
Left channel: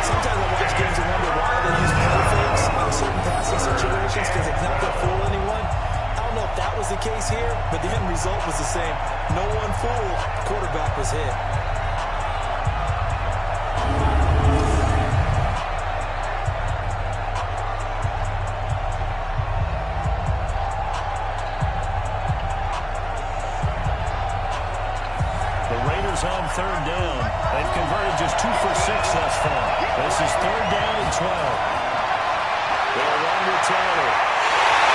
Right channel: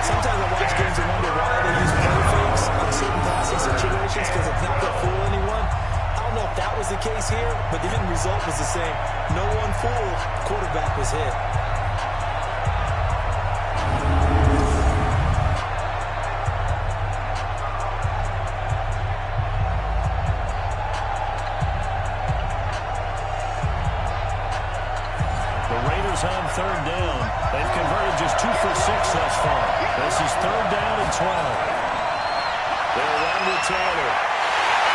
Sometimes I watch games and wonder why they use play fakes on certain passing situations, because it's not going to fool anyone. I don't know if that was the case here, but the end result was the same. No one fooled. Quarterback was hit. On third down. They've converted just 2 for 6 thus far. This is third down and 12. They'll run with Taylor.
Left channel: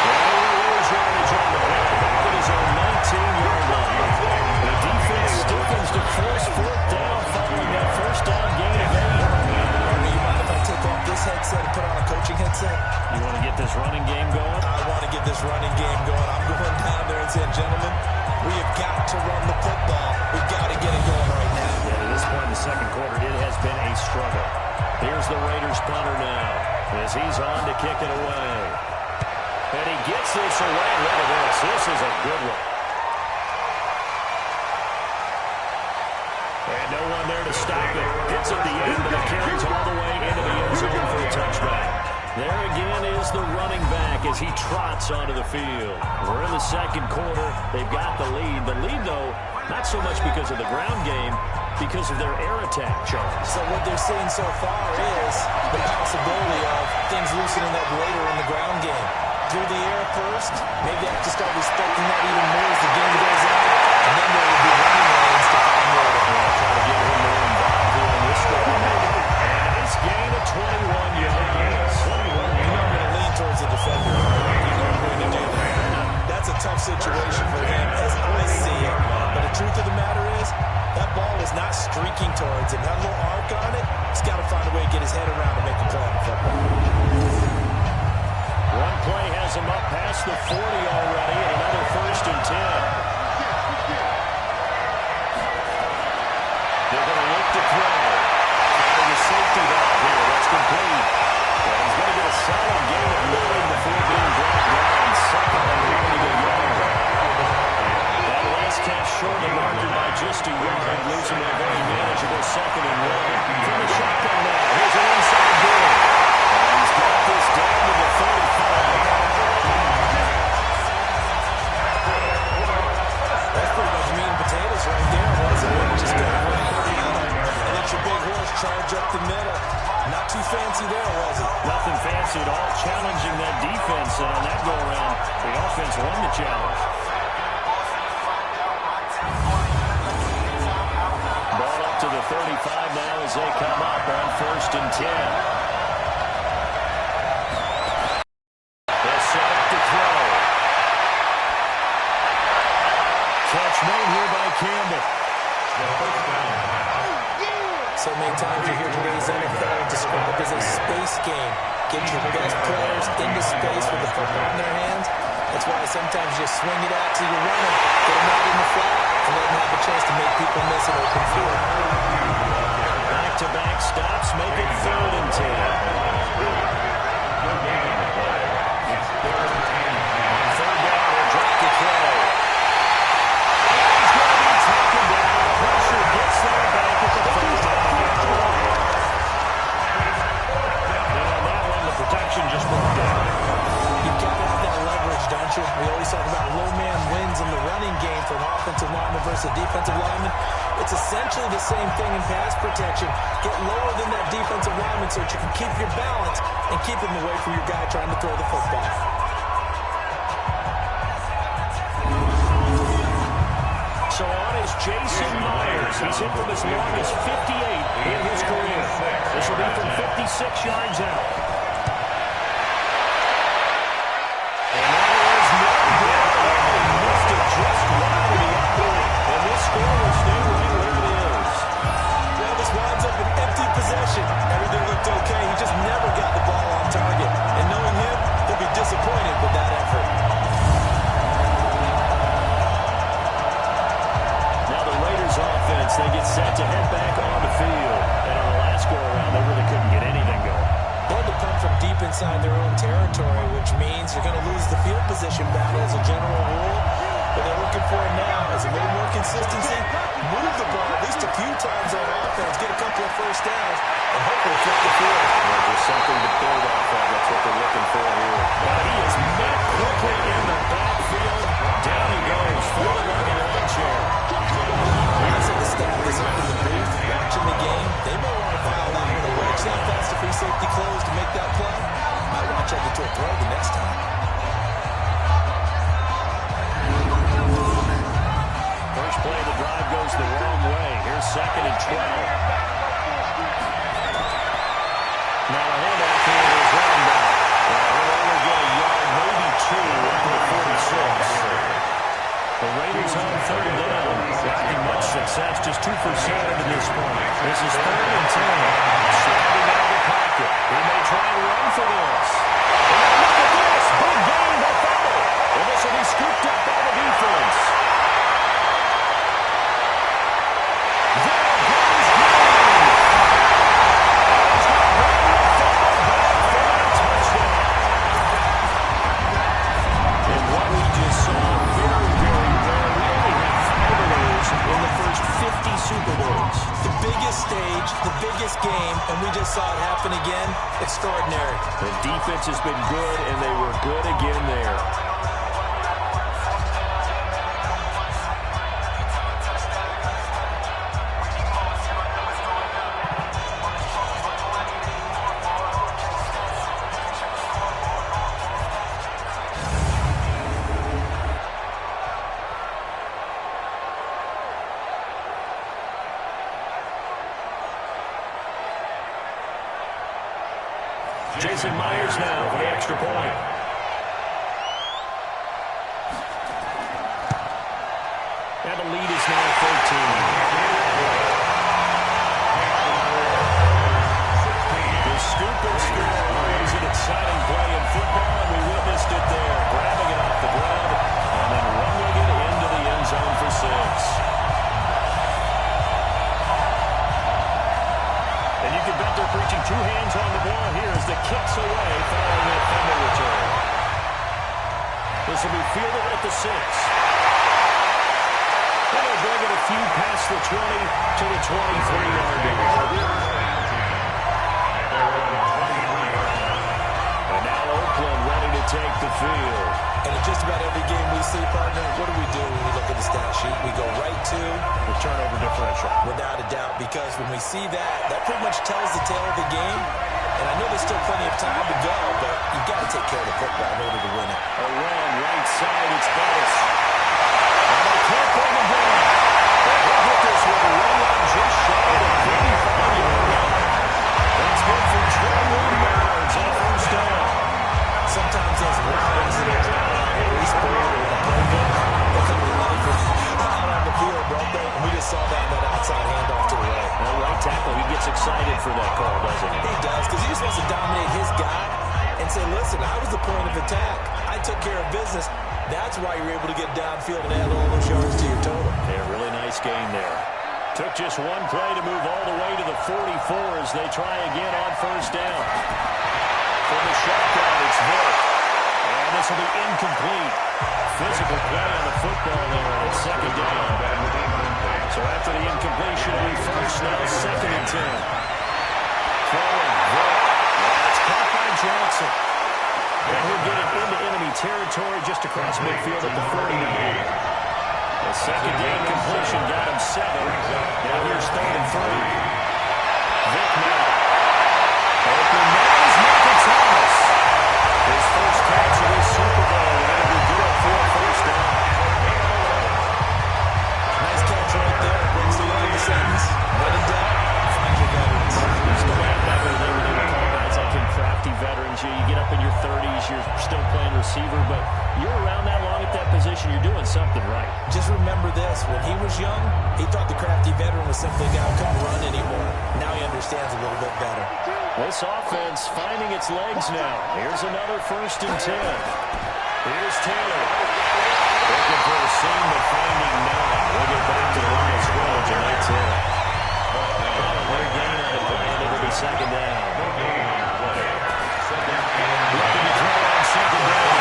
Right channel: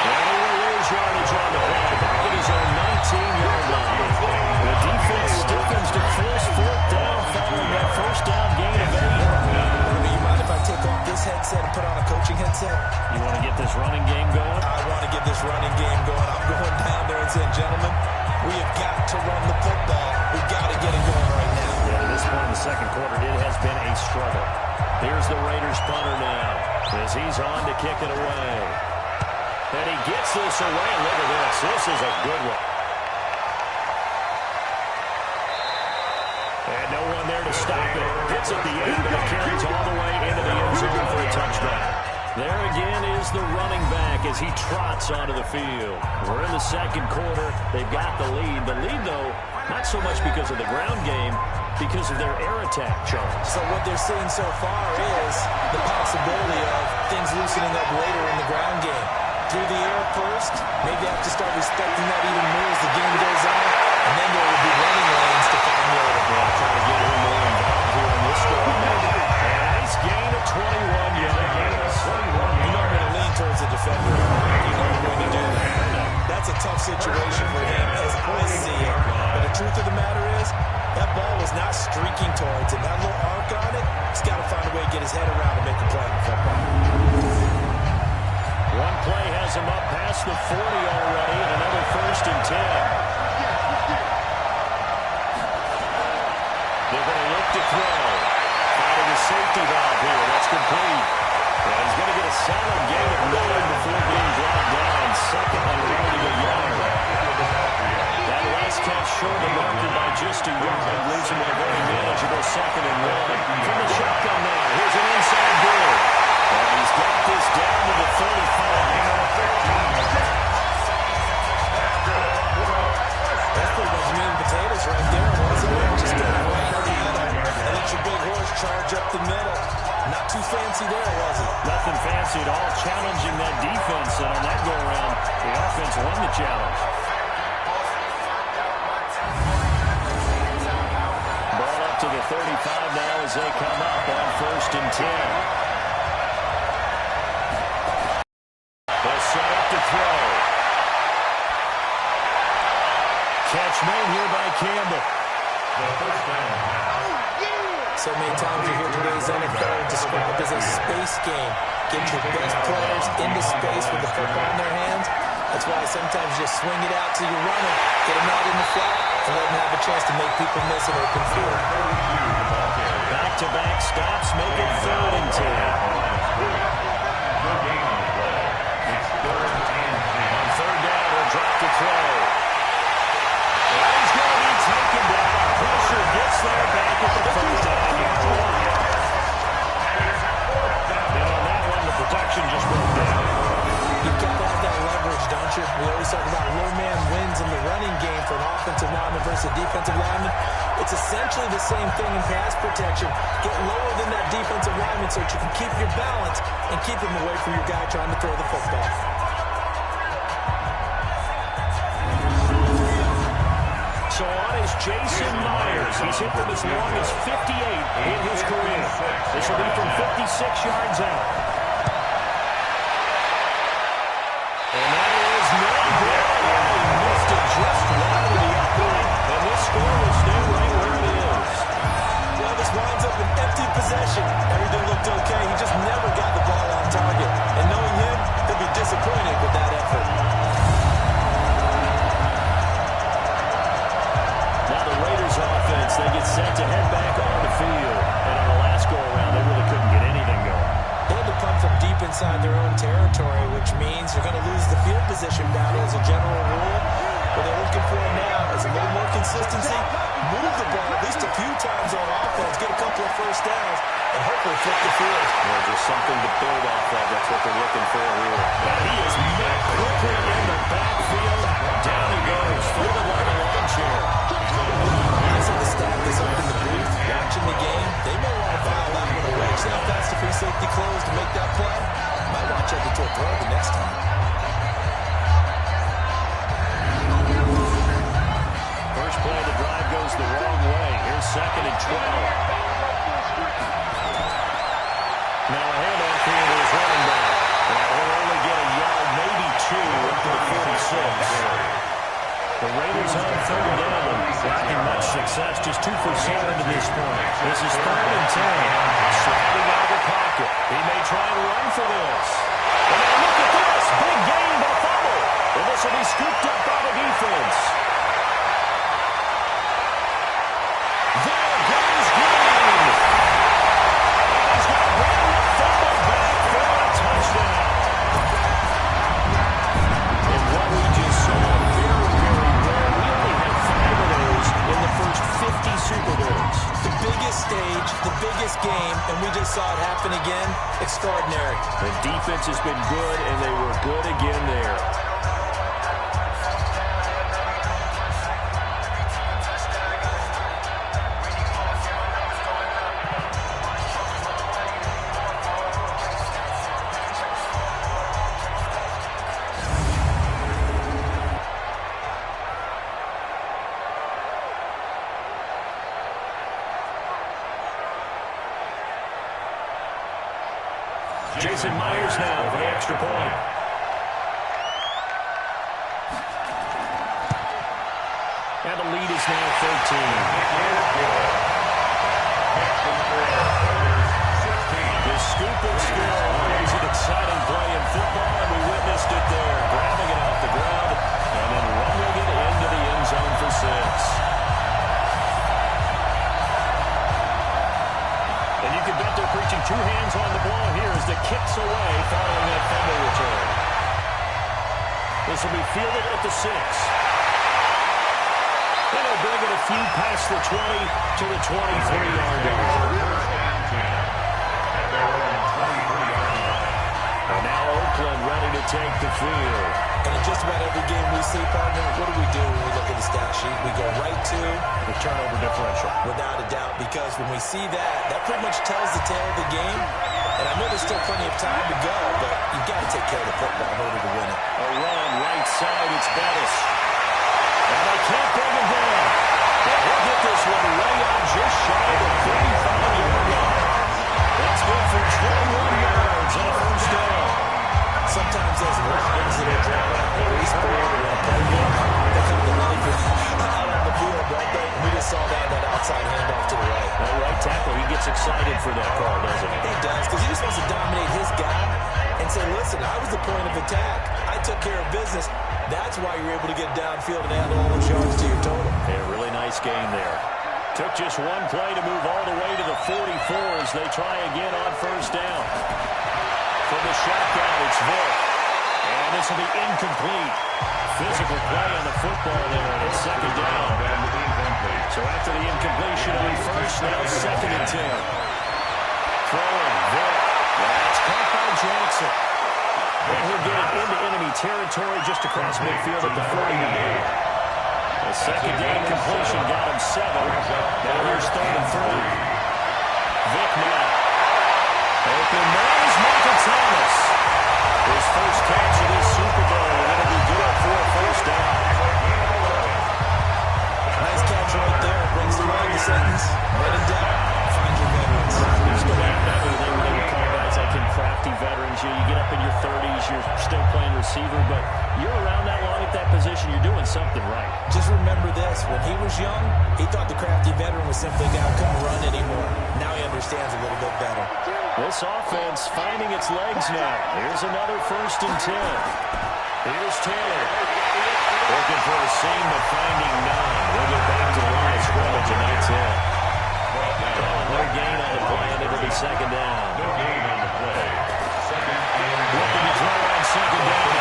And he will lose yardage on the play. Back at his own 19-yard line. The defense stiffens to force fourth down following that first down gain of 8. Army, you mind if I take off this headset and put on a coaching headset? You want to get this running game going? I want to get this running game going. I'm going down there and saying, gentlemen, we have got to run the football. We've got to get it going right now. Yeah, to this point in the second quarter, it has been a struggle. Here's the Raiders punter now as he's on to kick it away. And he gets this away. Look at this. This is a good one. And no one there to stop it. Gets at the end, but it carries all the way into the end zone for a touchdown. There again is the running back as he trots onto the field. We're in the second quarter. They've got the lead. The lead, though, not so much because of the ground game, because of their air attack, Charles. So what they're seeing so far is the possibility of things loosening up later in the ground game. Through the air first, maybe they have to start respecting that even more as the game goes on, and then there will be running lanes to find later. Yeah, try to get him more involved here in this drive. And a nice gain of 21 yards. You know I'm going to lean towards the defender. You know I'm going to do that. That's a tough situation for him as I see it. But the truth of the matter is, that ball was not streaking towards him. That little arc on it, he's got to find a way to get his head around and make a play on the football. One play has him up past the 40 already, and another first and 10. They're going to look to throw. Finding a safety valve here. That's complete. And he's going to get a solid gain of 9 before being brought down. Second and only a yard. That last catch short the marker by just a yard. Leaves him a very manageable second and 1. From the shotgun now. Here's an inside goal. And he's got this down to the 35. That's pretty much meat and potatoes right there, wasn't it? Just go right down and let your big horse charge up the middle. Not too fancy there, was it? Nothing fancy at all, challenging that defense, and on that go-around, the offense won the challenge. Ball up to the 35 now as they come up on first and 10. They'll set up to throw. Catch made here by Campbell. So many times you hear today's NFL described as a space game. Get your best players into space with the football in their hands. That's why sometimes you just swing it out to your runner, get him out in the flat, and let him have a chance to make people miss an open field. Back-to-back stops make it 3rd and 10. It's 3rd and 10. On 3rd down, he'll drop the throw. And he's going to be taken down. Pressure gets there back at the 39-yard line. And on that one, the protection just broke down. You've got to have that leverage, don't you? We always talk about low man wins in the running game for an offensive lineman versus a defensive lineman. It's essentially the same thing in pass protection. Get lower than that defensive lineman so that you can keep your balance and keep him away from your guy trying to throw the football. So on is Jason Myers. He's hit from as long as 58 in his career. This will be from 56 yards out. And that is no good. He missed it just wide of the upright. And this score will stay right where it is. Well, this winds up an empty possession. Everything looked okay. He just never got the ball on target. And knowing him, he'll be disappointed with that effort. Now the Raiders offense, they get set to head back on the field. And on the last go-around, they really couldn't get anything going. They had to punt from deep inside their own territory, which means you're going to lose the field position battle as a general rule. What they're looking for now is a little more consistency, move the ball at least a few times on offense, get a couple of first downs, and hopefully flip the field. Well, just something to build off of. That's what they're looking for here. But he is met quickly in the backfield. Down he goes, folded like a lawn chair. I said the staff is up in the booth watching the game. They may want to file that one away. See how fast the free safety closed to make that play? Might want to check it to a throw the next time. First play of the drive goes the wrong way. Here's 2nd and 12. Now a handoff here to his running back. He'll only get a yard, maybe 2, up to the 46. The Raiders on 3rd down. Lacking much success, just 2 for 7 to this point. This is 3rd and 10. Sliding out of the pocket. He may try and run for this. And now look at this. Big gain, but fumble. And this will be scooped up by the defense. There goes Green. And he's going to bring the fumble back for a touchdown. And what we just saw, very, very rare. We only had 5 of those in the first 50 Super Bowls. The biggest stage, the biggest game, and we just saw it happen again. Extraordinary. The defense has been good, and they were good again there. Jason Myers now for the extra point. And the lead is now 13. The scoop and score, always an exciting play in football, and we witnessed it there. Grabbing it off the ground and then rumbling it into the end zone for 6. And you can bet they're preaching 2 hands on the ball here as the kick's away following that fumble return. This will be fielded at the 6. And they'll bring it a few past the 20 to the 23-yard line. At their own 23-yard line. And now Oakland ready to take the field. And in just about every game we see, partner, what do we do when we look at the stat sheet? We go right to The turnover differential. without a doubt, because when we see that, that pretty much tells the tale of the game. And I know there's still plenty of time to go, but you've got to take care of the football in order to win it. A run right side, it's Bettis. And they can't bring him down. But he'll get this one right on just shy of the 35-yard line. That's good for 21 yards on a first down. Sometimes those lines that are drawn on a baseboard or a play book, they come to life out on the field, don't they? And we just saw that outside handoff to the right. That right tackle, he gets excited for that call, doesn't he? He does, because he just wants to dominate his guy. and say, listen, I was the point of attack. I took care of business. That's why you're able to get downfield and add all those yards to your total. Yeah, really nice game there. Took just one play to move all the way to the 44 as they try again on first down. From the shotgun, it's Vick. And this will be incomplete. Physical play on the football there, and it's second down. So after the incompletion on first, now second and 10. Throwing, Vick. That's caught by Jackson. And he'll get it into enemy territory just across midfield at the 49. The second down completion got him 7. Now here's third and 3. Vick now. Open man is Michael Thomas. His first catch of this Super Bowl, and it'll be good for a first down. Nice catch right there. Brings to mind the sentence. When in doubt, find your veterans. Used to laugh back in the day when they would call guys like him crafty veterans. You get up in your 30s, you're still playing receiver, but you're around that long at that position, you're doing something right. Just remember this. When he was young, he thought the crafty veteran was simply a guy who couldn't run anymore. Now he understands a little bit better. This offense finding its legs now. Here's another first and 10. Here's Taylor. Looking for a seam, but finding none. We'll get back to the line of scrimmage at 9-10. Calling no gain on the play, and it'll be second down. No gain on the play. Second and looking to throw on second down.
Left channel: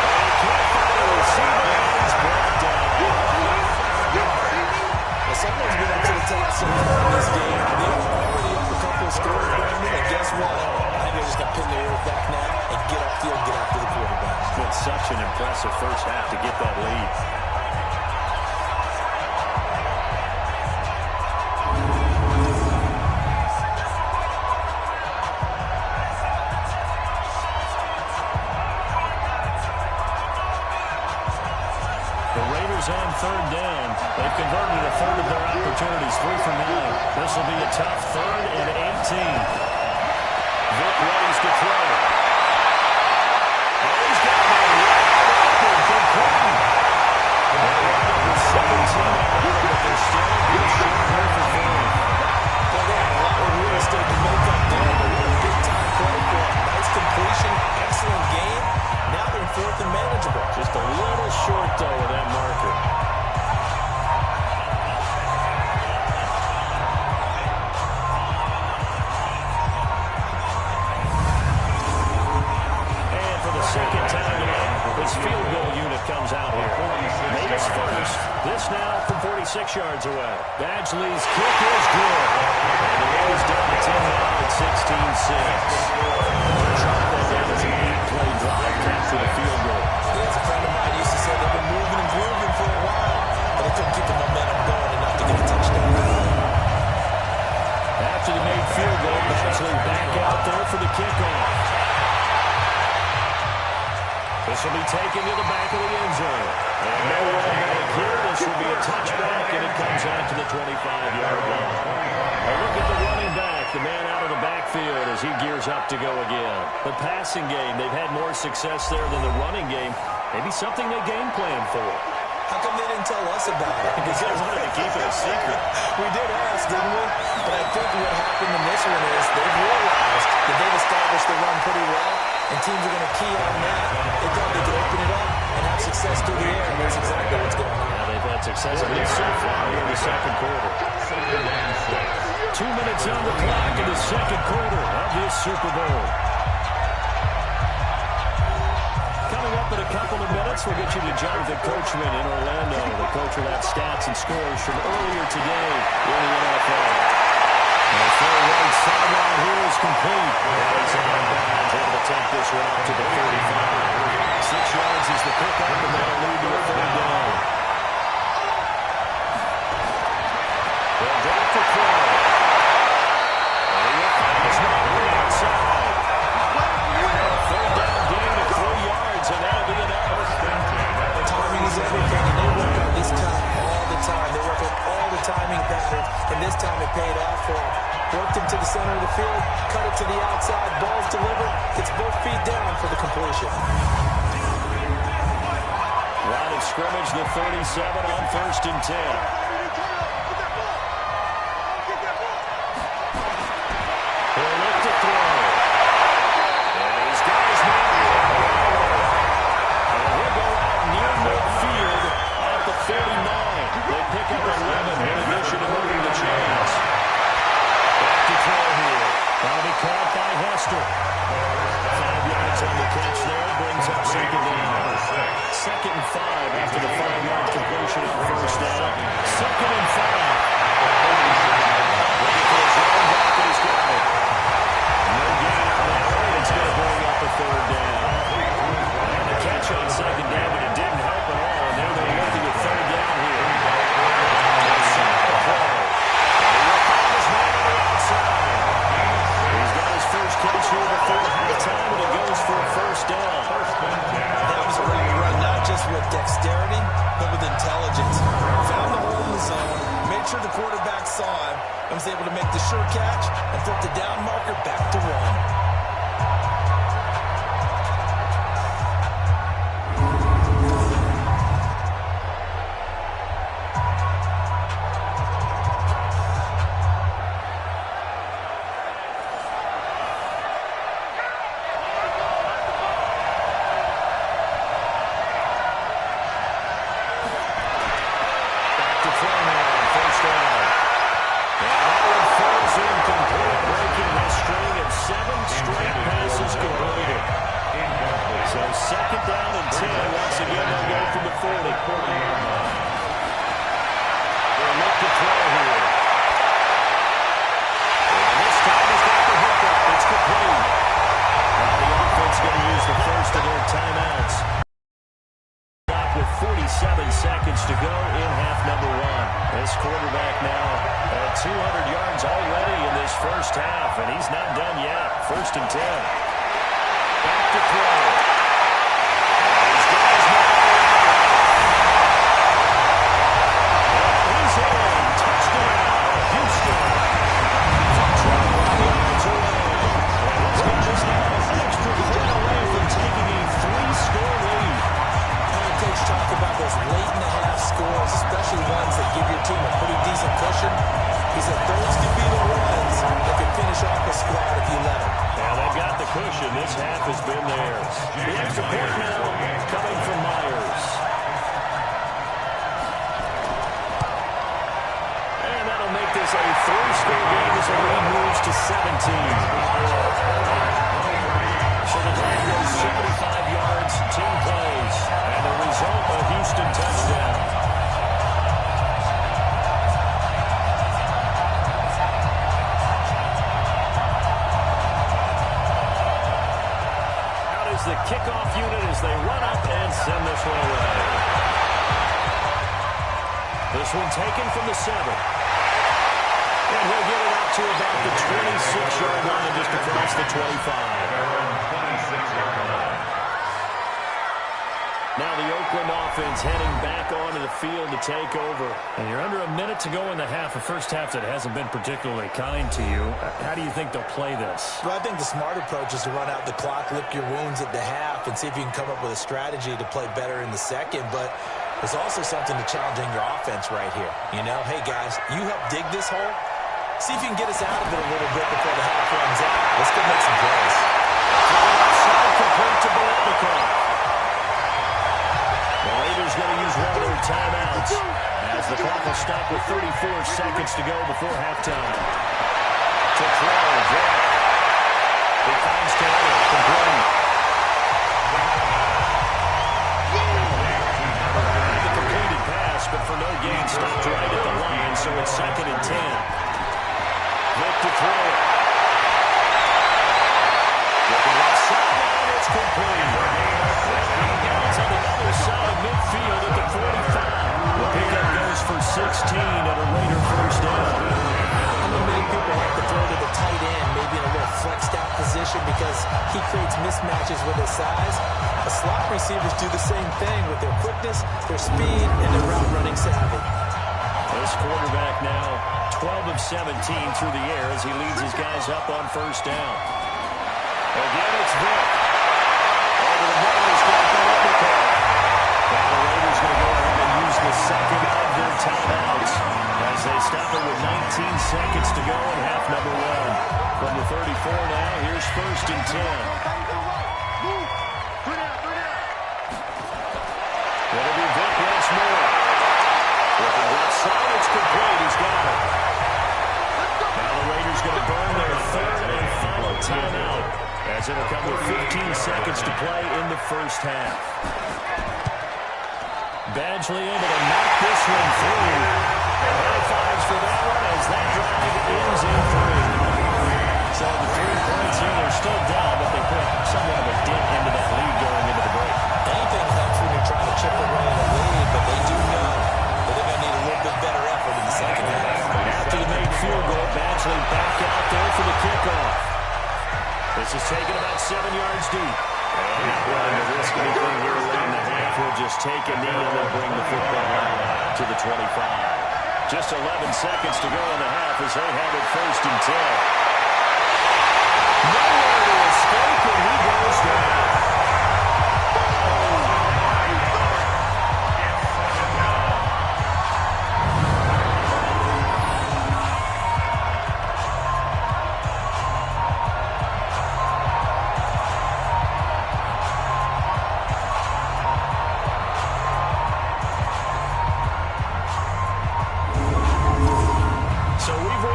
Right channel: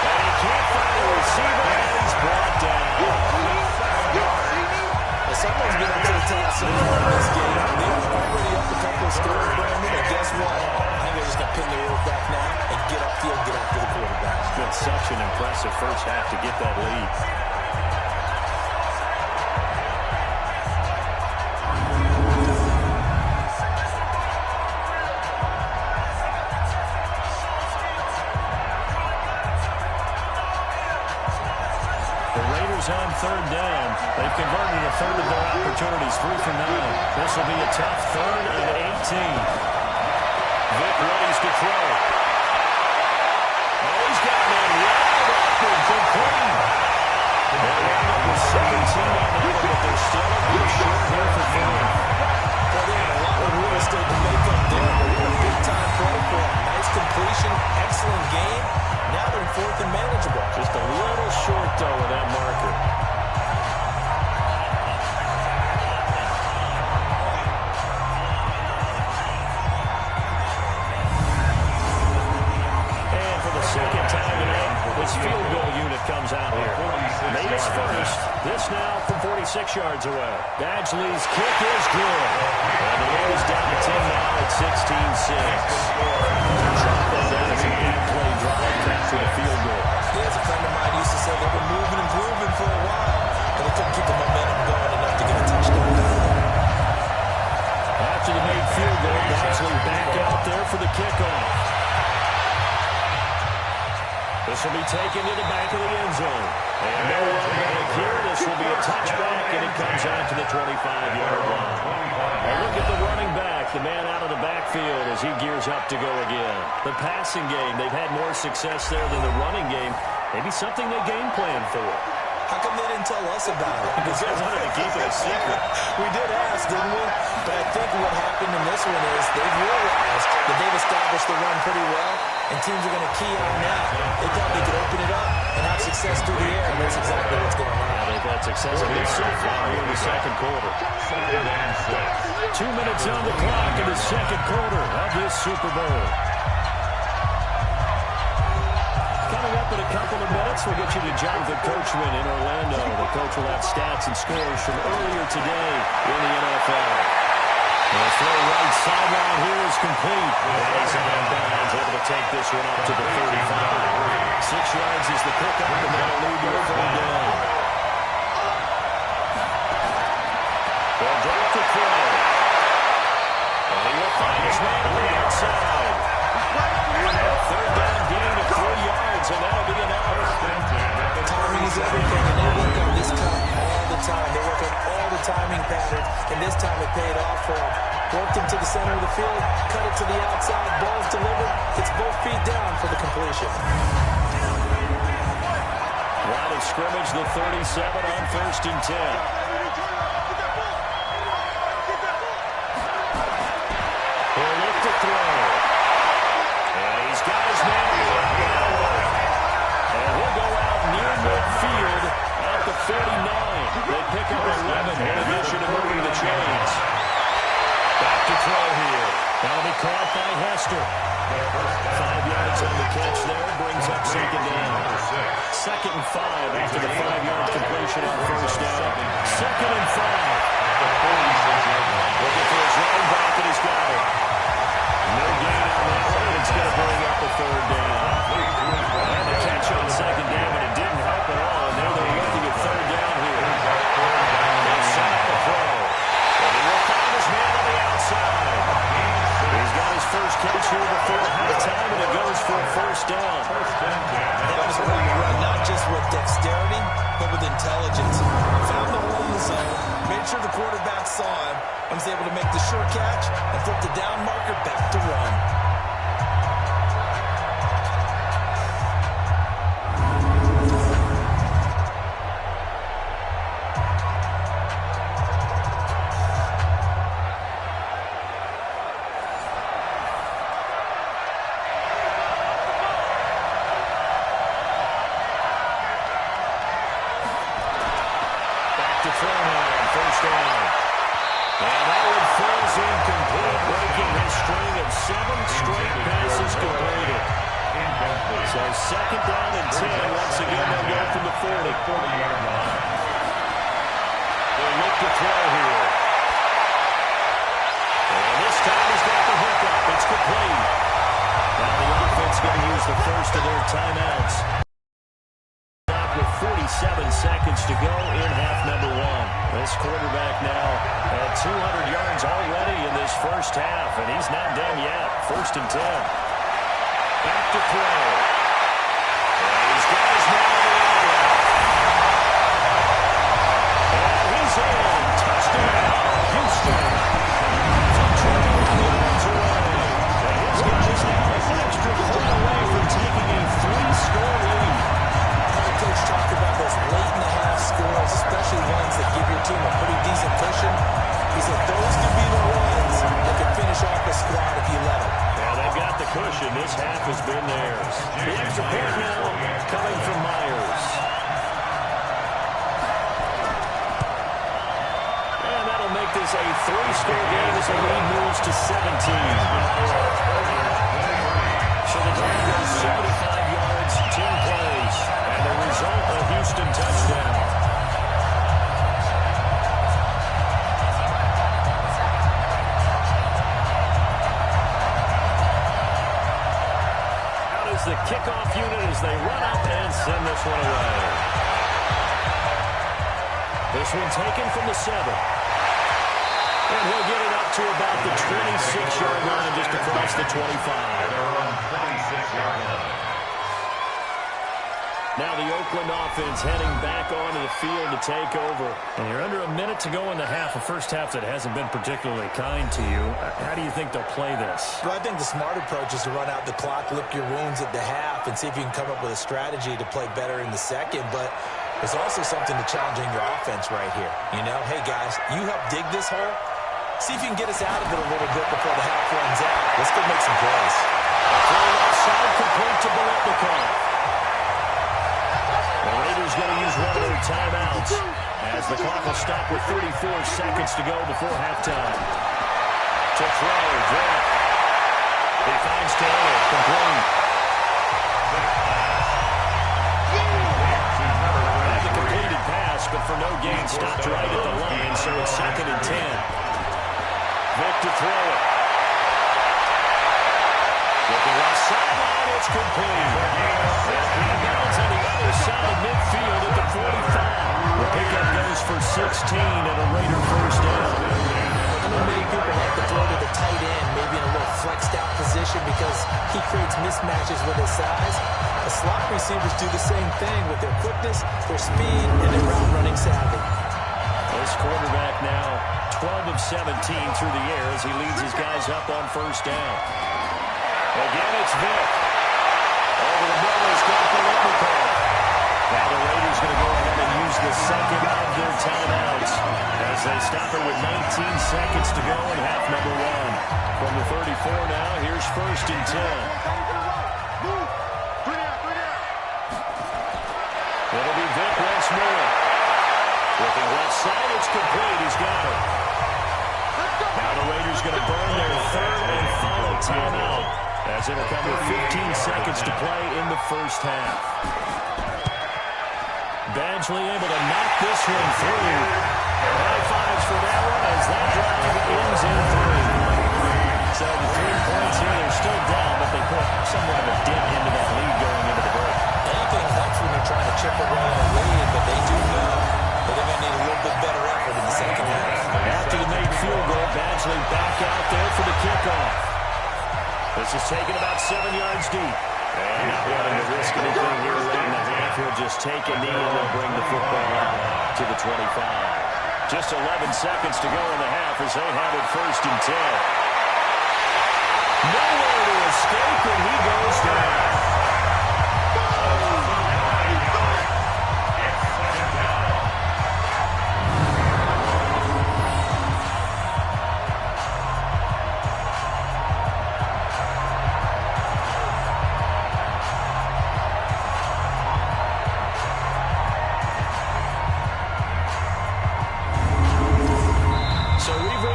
And he can't find a receiver, and he's brought down. Someone's been up to the task so far in this game. They were already up a couple of scores, Brandon, and guess what? I think they're just going to pin their ears back now and get upfield, get after the quarterback. It's been such an impressive first half to get that lead. On third down. They've converted a third of their opportunities, 3 for 9. This will be a tough third and 18. Vick readies to throw. Oh, he's got one wide open, complete. They're right up with 17 on that one, but they're still a good short here for 4. Well, they have a lot of real estate to make up there, but what a big-time play for them. Nice completion, excellent game. Now they're in fourth and manageable. Just a little short, though, of that marker. And for the second time tonight, this field goal unit comes out here. Made his first. This now from 46 yards away. Badgley's kick is good. And the lead is down to 10 now at 16-6. Chop that down as an 8-play drive after the field goal. Yeah, as a friend of mine used to say, they've been moving and grooving for a while, but they couldn't keep the momentum going enough to get a touchdown out of it. After the made field goal, Badgley back out there for the kickoff. This will be taken to the back of the end zone. And no run back here. This will be a touchback, and it comes out to the 25-yard line. A look at the running back, the man out of the backfield as he gears up to go again. The passing game, they've had more success there than the running game. Maybe something they game plan for. How come they didn't tell us about it? Because they wanted to keep it a secret. We did ask, didn't we? But I think what happened in this one is they've realized that they've established the run pretty well, and teams are going to key on that. They thought they could open it up and have success through the air, and that's exactly what's going on. Yeah, they've had success at least so far here in the second quarter. 2 minutes on the clock in the second quarter of this Super Bowl. Coming up in a couple of minutes, we'll get you to Jonathan Coachman in Orlando. The coach will have stats and scores from earlier today in the NFL. The throw right sideline here is complete. And he's out of bounds, able to take this one up to the 35. 6 yards is the pickup, and that'll lead to a third down. They'll drop the throw. And he will find his man on the outside. A third down gain of 3 yards, and that'll be enough. Timing is everything, and they work on this cut all the time. They work on all the timing patterns, and this time it paid off for them. Worked him to the center of the field, cut it to the outside, ball's delivered, gets both feet down for the completion. Line of scrimmage, the 37 on first and 10. He'll look to throw. pick up 11 in addition to moving the chains. Back to throw here. That'll be caught by Hester. 5 yards on the catch there. Brings up second down. 2nd and 5 after the 5-yard completion on first down. 2nd and 5. Looking for his running back, and he's got it. No gain on that one. It's going to bring up a 3rd down. And a catch on 2nd down, but it didn't help at all. And now they're looking at 3rd down here. They set up the throw. And he will find his man on the outside. He's got his first catch here before halftime, and it goes for a 1st down. That was a great run, not just with dexterity, but with intelligence. Found the hole in the zone, made sure the quarterback saw him, and was able to make the sure catch and flip the down marker back to 1. So 2nd down and 10. Once again, they'll go from the 40. 40-yard line. They'll look to throw here. And this time he's got the hook up. It's complete. Now the offense going to use the first of their timeouts. With 47 seconds to go in half number 1. This quarterback now at 200 yards already in this first half, and he's not done yet. 1st and 10. Back to throw. And he's got his man on the outright. And he's in. Touchdown, Houston. From 21 yards away. And his guys now an extra point away from taking a 3-score lead. Coach talk about those late-in-the-half scores, especially ones that give your team a pretty decent cushion. He said those could be the ones that could finish off a squad if you let them. Yeah, they've got the cushion. This half has been theirs. The extra point now coming from Myers. And that'll make this a 3-score game as the lead moves to 17. So the drive goes 75 yards, 10 plays. And the result, a Houston touchdown. Out is the kickoff unit as they run up and send this one away. This one taken from the 7. And he'll get it up to about the 26-yard line, just across the 25. They're on 26-yard line. Now the Oakland offense heading back onto the field to take over. And you're under a minute to go in the half, a first half that hasn't been particularly kind to you. How do you think they'll play this? Well, I think the smart approach is to run out the clock, lick your wounds at the half, and see if you can come up with a strategy to play better in the second. But there's also something to challenging your offense right here. You know, hey, guys, you help dig this hole. See if you can get us out of it a little bit before the half runs out. Let's go make some plays. Throw outside, complete to Biletnikoff. The Raiders going to use one of their timeouts as the clock will stop with 34 seconds to go before halftime. To throw, Drake. He finds Taylor, complete. And the completed pass, but for no gain, stopped right at the line, so it's 2nd and 10. Vic to throw it. Looking left sideline, it's complete. And bounds on the other side of midfield at the 45. The pickup goes for 16 at a Raider 1st down. I know many people like to throw to the tight end, maybe in a little flexed out position because he creates mismatches with his size. The slot receivers do the same thing with their quickness, their speed, and their route running savvy. This quarterback now 12 of 17 through the air as he leads his guys up on 1st down. Again, it's Vic. Over the middle, he's got Biletnikoff. Now the Raiders going to go ahead and use the second of their timeouts as they stop it with 19 seconds to go in half number 1. From the 34 now, here's 1st and 10. It'll be Vic once more. Looking left outside. It's complete. He's got it. Now the Raiders going to burn their third and final timeout, as it'll come with 15 seconds to play in the first half. Badgley able to knock this one through. High fives for that one as that drive ends in 3. So the 3 points here, they're still down, but they put somewhat of a dent into that lead going into the break. Anything helps when you're trying to chip away at a lead, but they do know that they're going to need a little bit better effort in the second half. After the made field goal, Badgley back out there for the kickoff. This is taken about 7 yards deep. And not wanting to risk anything here late in the half, he'll just take a knee and then bring the football out to the 25. Just 11 seconds to go in the half as they have it 1st and 10. Nowhere to escape, and he goes down.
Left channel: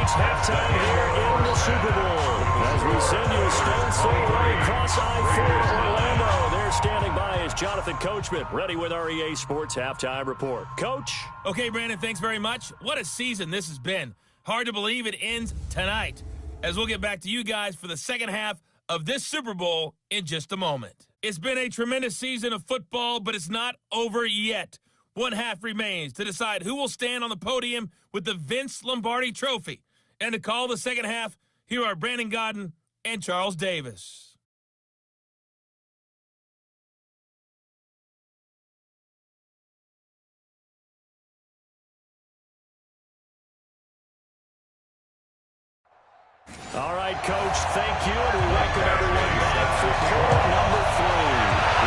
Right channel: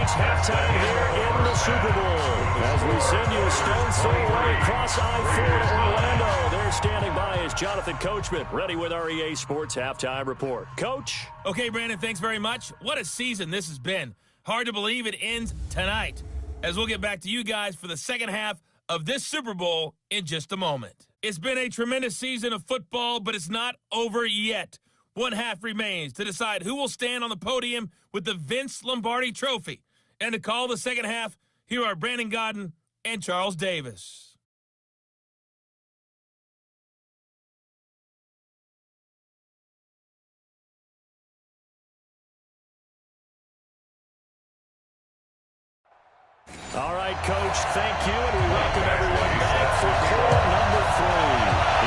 Halftime here in the Super Bowl as we send you a stone's throw away across I-4 to Orlando. There standing by is Jonathan Coachman, ready with our EA Sports Halftime Report. Coach? Okay, Brandon, thanks very much. What a season this has been. Hard to believe it ends tonight, as we'll get back to you guys for the second half of this Super Bowl in just a moment. It's been a tremendous season of football, but it's not over yet. One half remains to decide who will stand on the podium with the Vince Lombardi Trophy. And to call the second half, here are Brandon Godden and Charles Davis. All right, Coach, thank you, and we welcome everyone back for quarter number 3.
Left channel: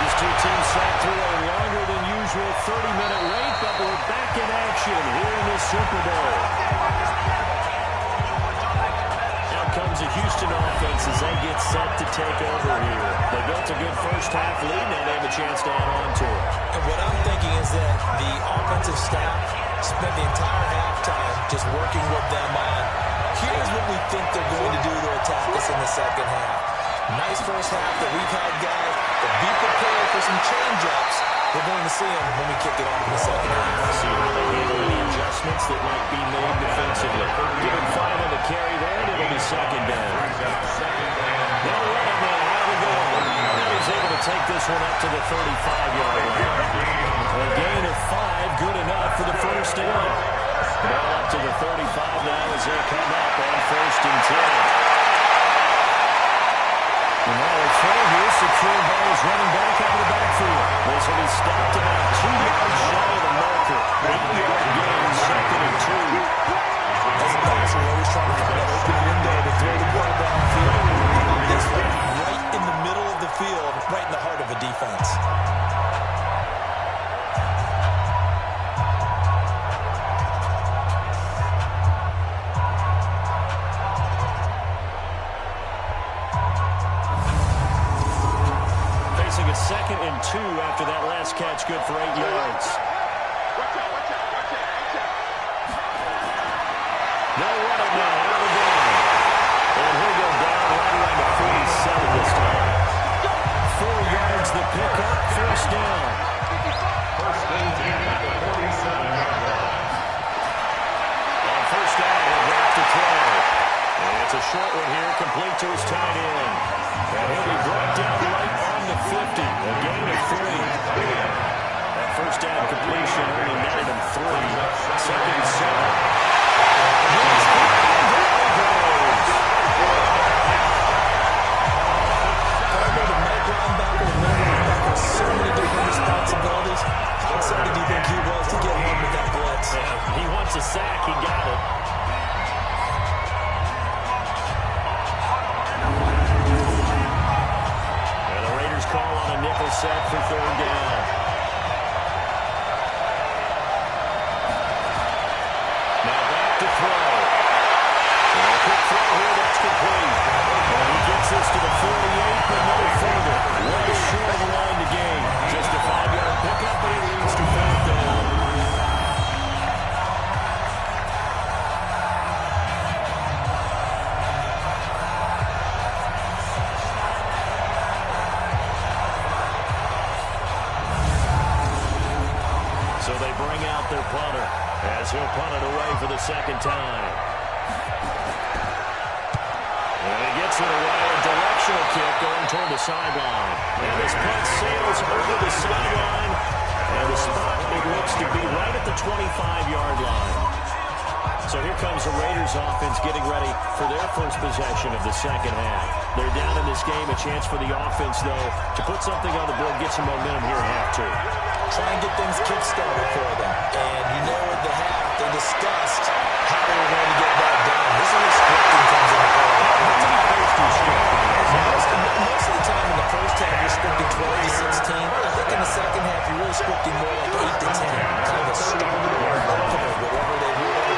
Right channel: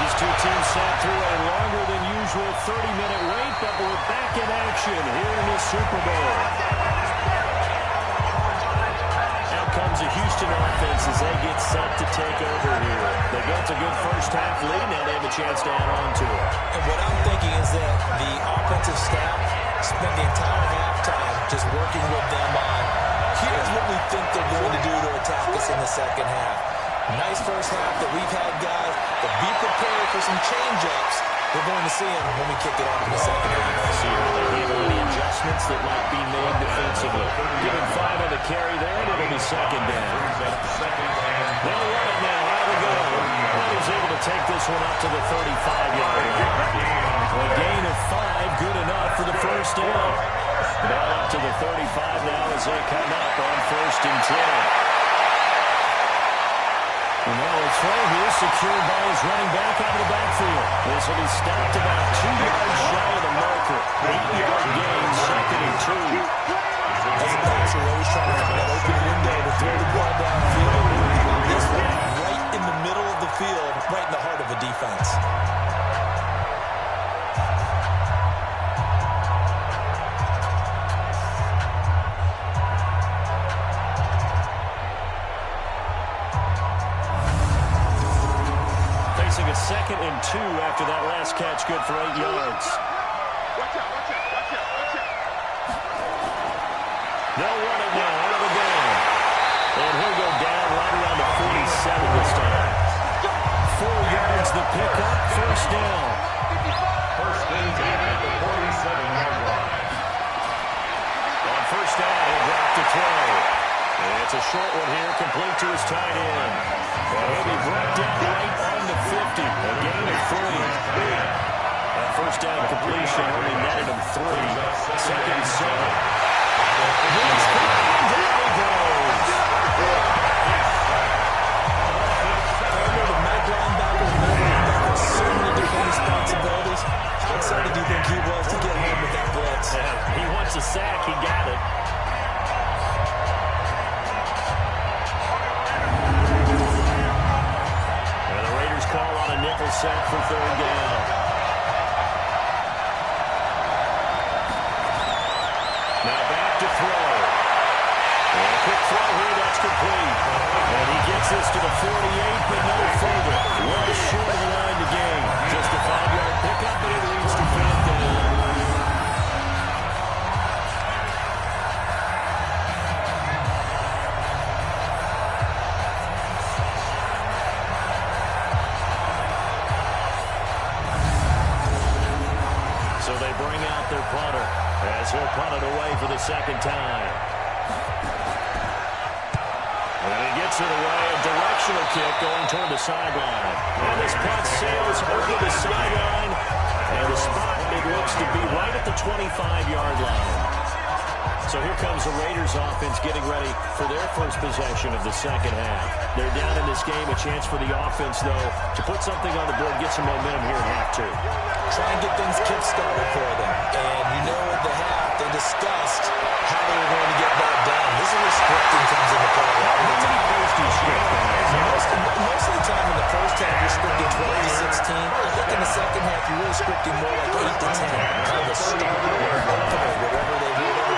These two teams sat through a longer than usual 30-minute wait, but we're back in action here in the Super Bowl. Comes a Houston offense as they get set to take over here. They built a good first half lead. Now they have a chance to add on to it. And what I'm thinking is that the offensive staff spent the entire halftime just working with them on, here's what we think they're going to do to attack us in the second half. Nice first half that we've had, guys, but be prepared for some change-ups. We're going to see them when we kick it off in the second half. See how they handle any adjustments that might be made defensively. Give him 5 on the carry there, and it'll be second down. They'll run it now. Out of the go. Now he's able to take this one up to the 35-yard line. A gain of 5, good enough for the first down. Ball up to the 35 now as they come up on 1st and 10. And now a throw here secured by his running back out of the backfield. This will be stopped about 2 yards shy of the marker. 8-yard gain, 2nd and 2. As a passer, you're always trying to find that open window to throw the ball downfield. How about this one? Right in the middle of the field, right in the heart of a defense. A 2nd and 2 after that last catch, good for 8 yards. Watch out. They'll run it now out of the game. And he'll go down right around the 47 this time. 4 yards the pickup, first down. First and 10 at the 47-yard line. On first down, he'll drop to throw. And it's a short one here, complete to his tight end. And he'll be brought down right on the 50, a gain of 3. That first down completion only netted him 3. 2nd and 7. He's coming, and down he goes. Partner, the middle linebacker, the middle linebacker has so many different responsibilities. How excited do you think he was to get home with that blitz? Yeah, he wants a sack, he got it. Call on a nickel set for 3rd down. Now back to throw. And a quick throw here, that's complete. And he gets this to the 48, but no further. Well short of the line to gain. Just a 5-yard pickup, but it leads to 4th down. So they bring out their punter as he'll punt it away for the second time. And he gets it away, a directional kick going toward the sideline. And this punt sails over the sideline, and the spot, it looks to be right at the 25-yard line. So here comes the Raiders offense getting ready for their first possession of the second half. They're down in this game, a chance for the offense, though, to put something on the board, get some momentum here in half two. Try and get things kick-started for them. And you know at the half, they discussed how they were going to get that done. This is where scripting comes into play. How many plays do you script? Most of the time in the first half, you're scripting 12 to 16. I think in the second half, you're really scripting more like 8 to 10. Kind of a starter or an opener, whatever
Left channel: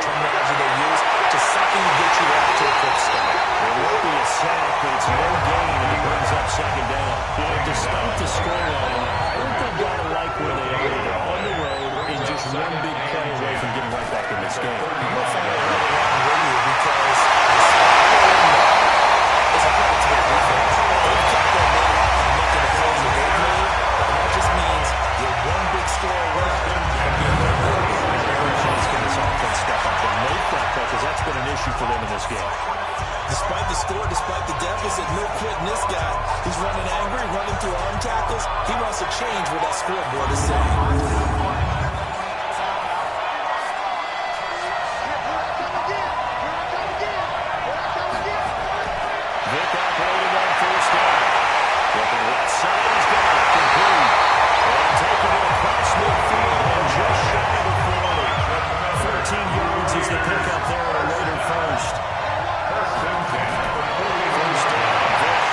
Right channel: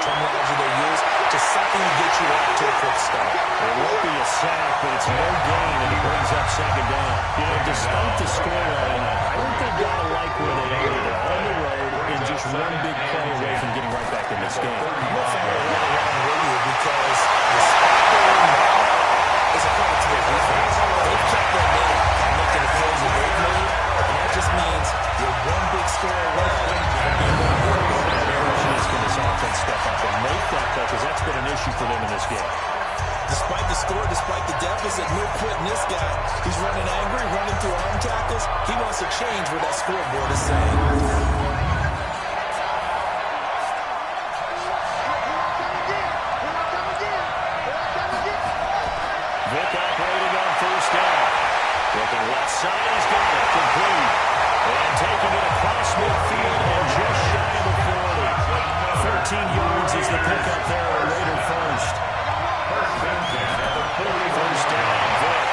terminology they use, just something to get you off to a quick start. It won't be a sack, but it's no gain, and it brings up second down. You know, despite the scoreline, I think they've got to like where they are. They're on the road and just one big play away from getting right back in this game. I'm going to find it right around with you because the spot they're in now is a credit to their defense. They've kept their minute by making the plays that they've made, and that just means you're one big score away from being more important. Can this offense step up and make that play, because that's been an issue for them in this game. Despite the score, despite the deficit, no quitting this guy. He's running angry, running through arm tackles. He wants to change what that scoreboard is saying. Vic operating on first down. Looking left side, he's got it. Complete. And taking it across midfield and just shy of the 40. 13 yards is the pickup there at a Raider first. First down, Vic.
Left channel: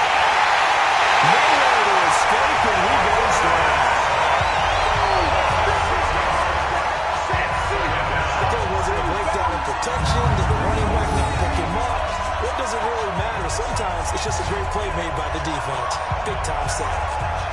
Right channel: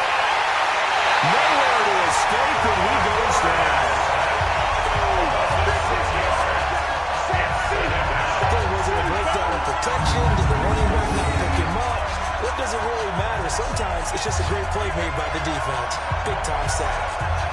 Nowhere to escape, and he goes down. Was it a breakdown in protection? Did the running back not pick him up? What does it really matter? Sometimes it's just a great play made by the defense. Big-time sack.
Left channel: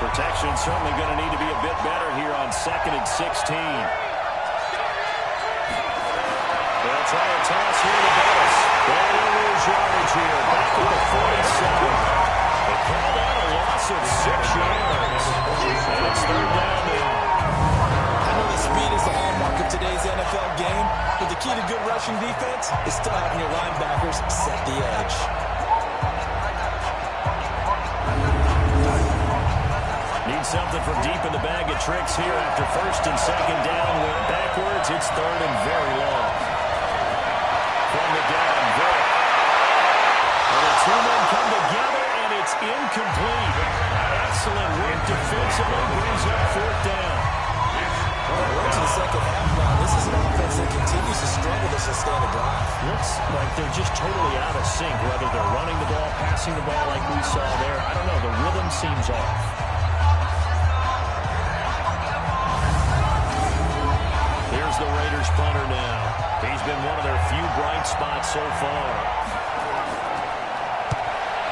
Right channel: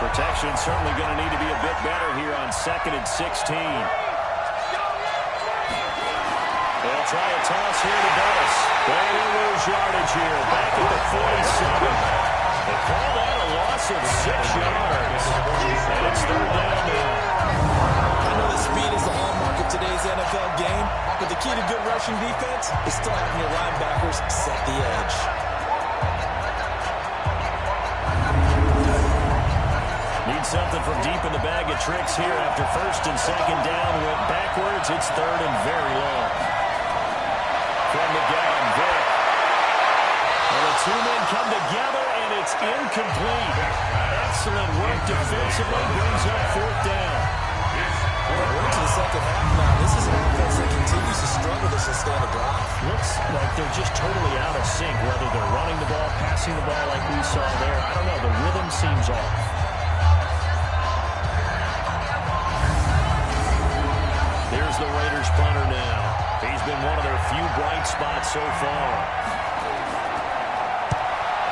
Protection certainly going to need to be a bit better here on 2nd and 16. They'll try a toss here to Bettis. They will lose yardage here. Back at the 47. They call that a loss of 6 yards. And it's third down now. I know that speed is the hallmark of today's NFL game, but the key to good rushing defense is still having your linebackers set the edge. Need something from deep in the bag of tricks here after first and second down. Went backwards. It's third and very long. From the gun, Vic. And the two men come together, and it's incomplete. Excellent work defensively. Brings up fourth down. We're into the second half now. This is an offense that continues to struggle to sustain a drive. Looks like they're just totally out of sync, whether they're running the ball, passing the ball like we saw there. I don't know. The rhythm seems off. Here's the Raiders punter now. He's been one of their few bright spots so far.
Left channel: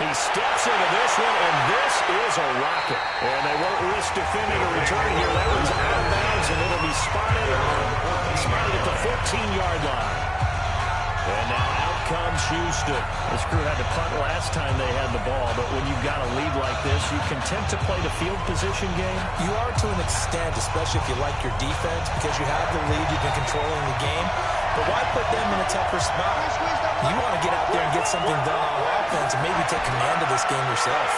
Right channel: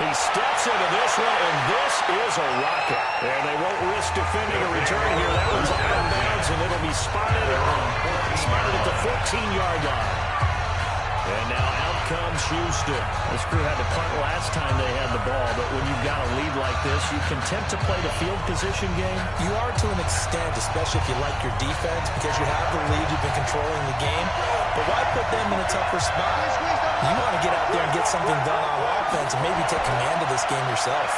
He steps into this one, and this is a rocket. And they won't risk defending a return here. That one's out of bounds, and it'll be spotted at the 14-yard line. And now out comes Houston. This crew had to punt last time they had the ball, but when you've got a lead like this, you content to play the field position game? You are to an extent, especially if you like your defense, because you have the lead, you've been controlling the game. But why put them in a tougher spot? You want to get out there and get something done on offense and maybe take command of this game yourself.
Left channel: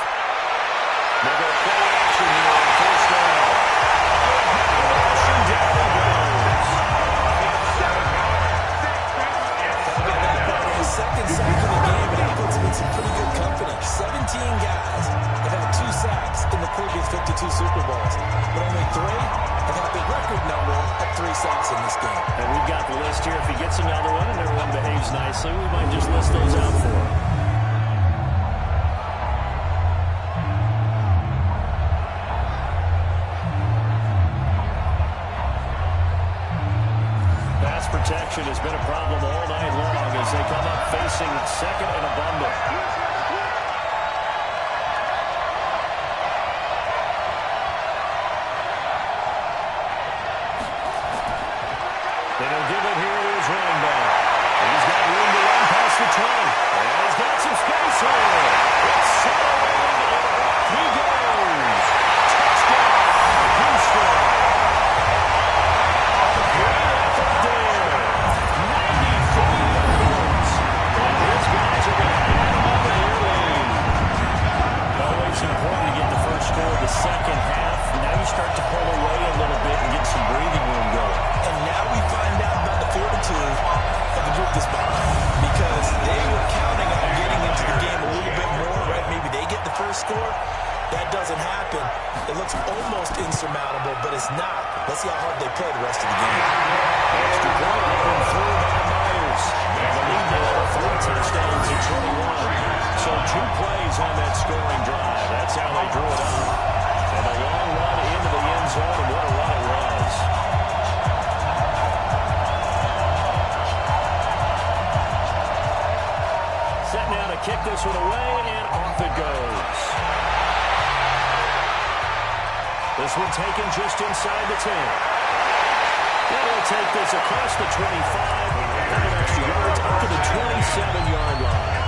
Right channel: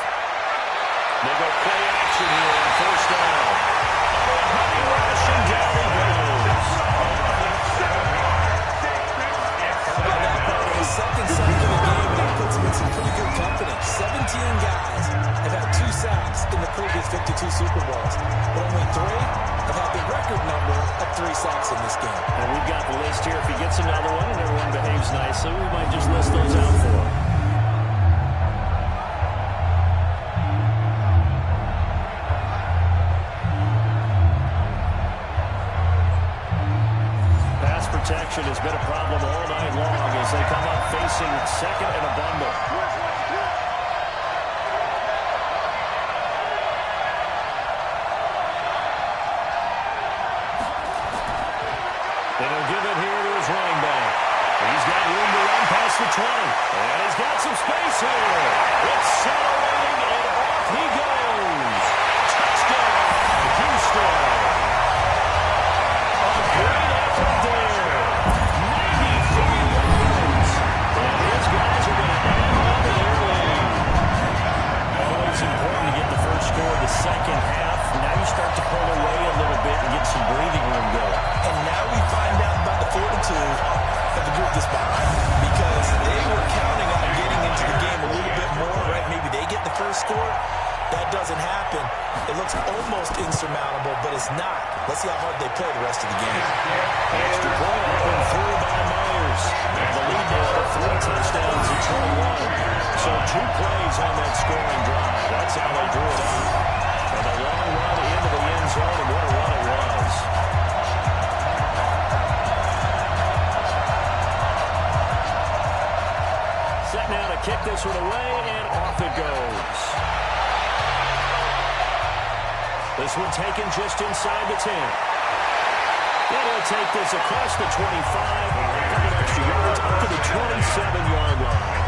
They go play action here on first down. Rushing down he goes. How about that part? His second sack of the game, and that puts him in some pretty good company. 17 guys have had 2 sacks in the previous 52 Super Bowls, but only 3 have had the record number of 3 sacks in this game. And we've got the list here. If he gets another one and everyone behaves nicely, we might just list those out for him. Pass protection has been a problem all night long as they come up facing second and a bundle. And he'll give it here to his running back. He's got room to run past the 20. And he's got some space here. It's settling, and off he goes. Touchdown, Houston. A great effort there. 93 yards. And his guys are going to add on to their lead. Always important to get the first score of the second half. Now you start to pull away a little bit and get some breathing room going. And now we find out about the fortitude of the group that's behind, because they were counting on getting into the game a little bit more, right? Maybe they get the first score. That doesn't happen. It looks almost insurmountable, but it's not. Let's see how hard they play the rest of the game. Extra point up and through by Myers. And the lead now to 3 touchdowns at 21. So 2 plays on that scoring drive. That's how they drew it up. And a long run into the end zone, and what a run it was. Set now to kick this one away, and off it goes. This one taken just inside the 10. And he'll take this across the 25, a couple extra yards up to the 27-yard line.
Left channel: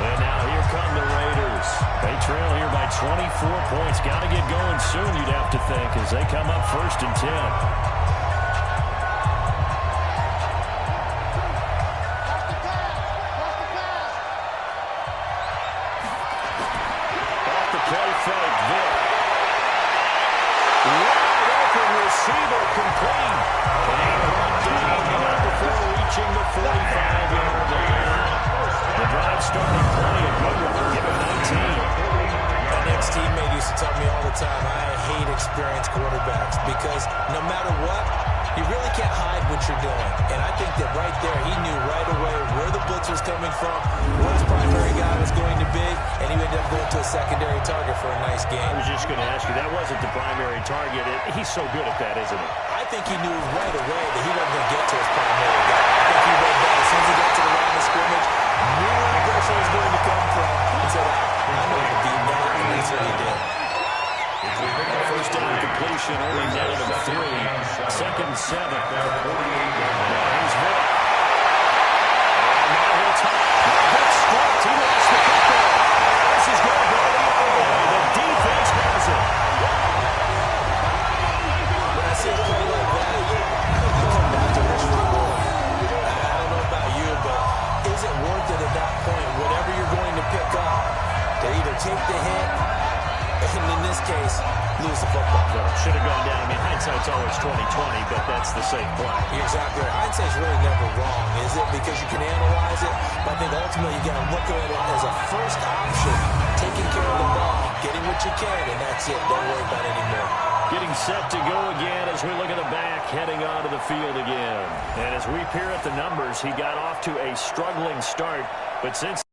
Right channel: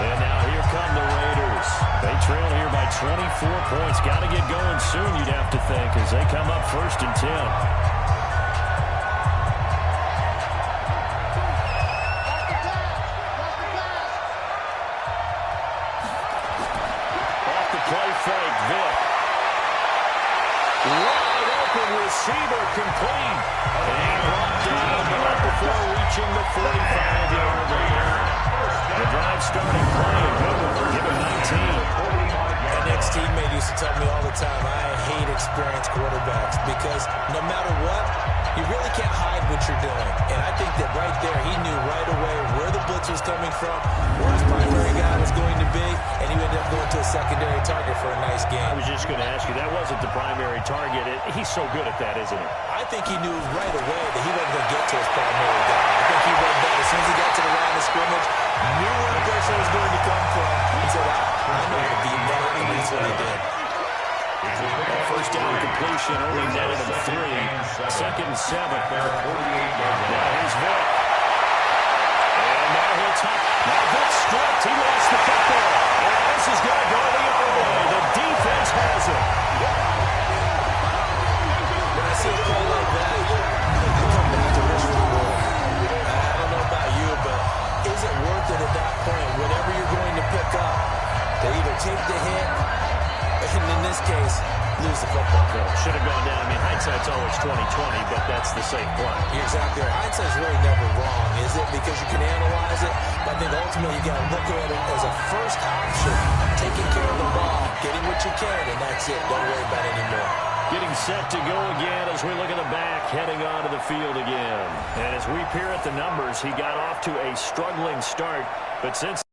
And now here come the Raiders. They trail here by 24 points. Got to get going soon, you'd have to think, as they come up 1st and 10. Off the play fake, Vic. Wide open receiver, complete. And brought down, but not before reaching the 45-yard line. The drive starting play, a good one. Give him 19. An ex-teammate used to tell me all the time, I hate experienced quarterbacks, because no matter what, you really can't hide what you're doing. And I think that right there, he knew right away where the blitz was coming from, where his primary guy was going to be, and he ended up going to a secondary target for a nice game. I was just going to ask you, that wasn't the primary target. He's so good at that, isn't he? I think he knew right away that he wasn't going to get to his primary guy. I think he read that as soon as he got to the line of scrimmage, knew where the pressure was going to come from, and said, I know how to beat that, and that's what he did. That first down completion only netted him 3. 2nd and 7. Now here's Vic. And now he'll top. Now Vic stripped. He lost the football. And this is going to go the other way. The defense has it. When I see a play like that, I come back to risk reward. I don't know about you, but is it worth it at that point, whatever you're going to pick up, to either take the hit, and in this case, lose the football? So should have gone down. I mean, hindsight's always 20/20, but that's the safe play. You're exactly right. Hindsight's really never wrong, is it? Because you can analyze it, but I think ultimately you got to look at it as a first option, taking care of the ball, getting what you can, and that's it. Don't worry about it anymore. Getting set to go again as we look at the back, heading onto the field again. And as we peer at the numbers, he got off to a struggling start, but since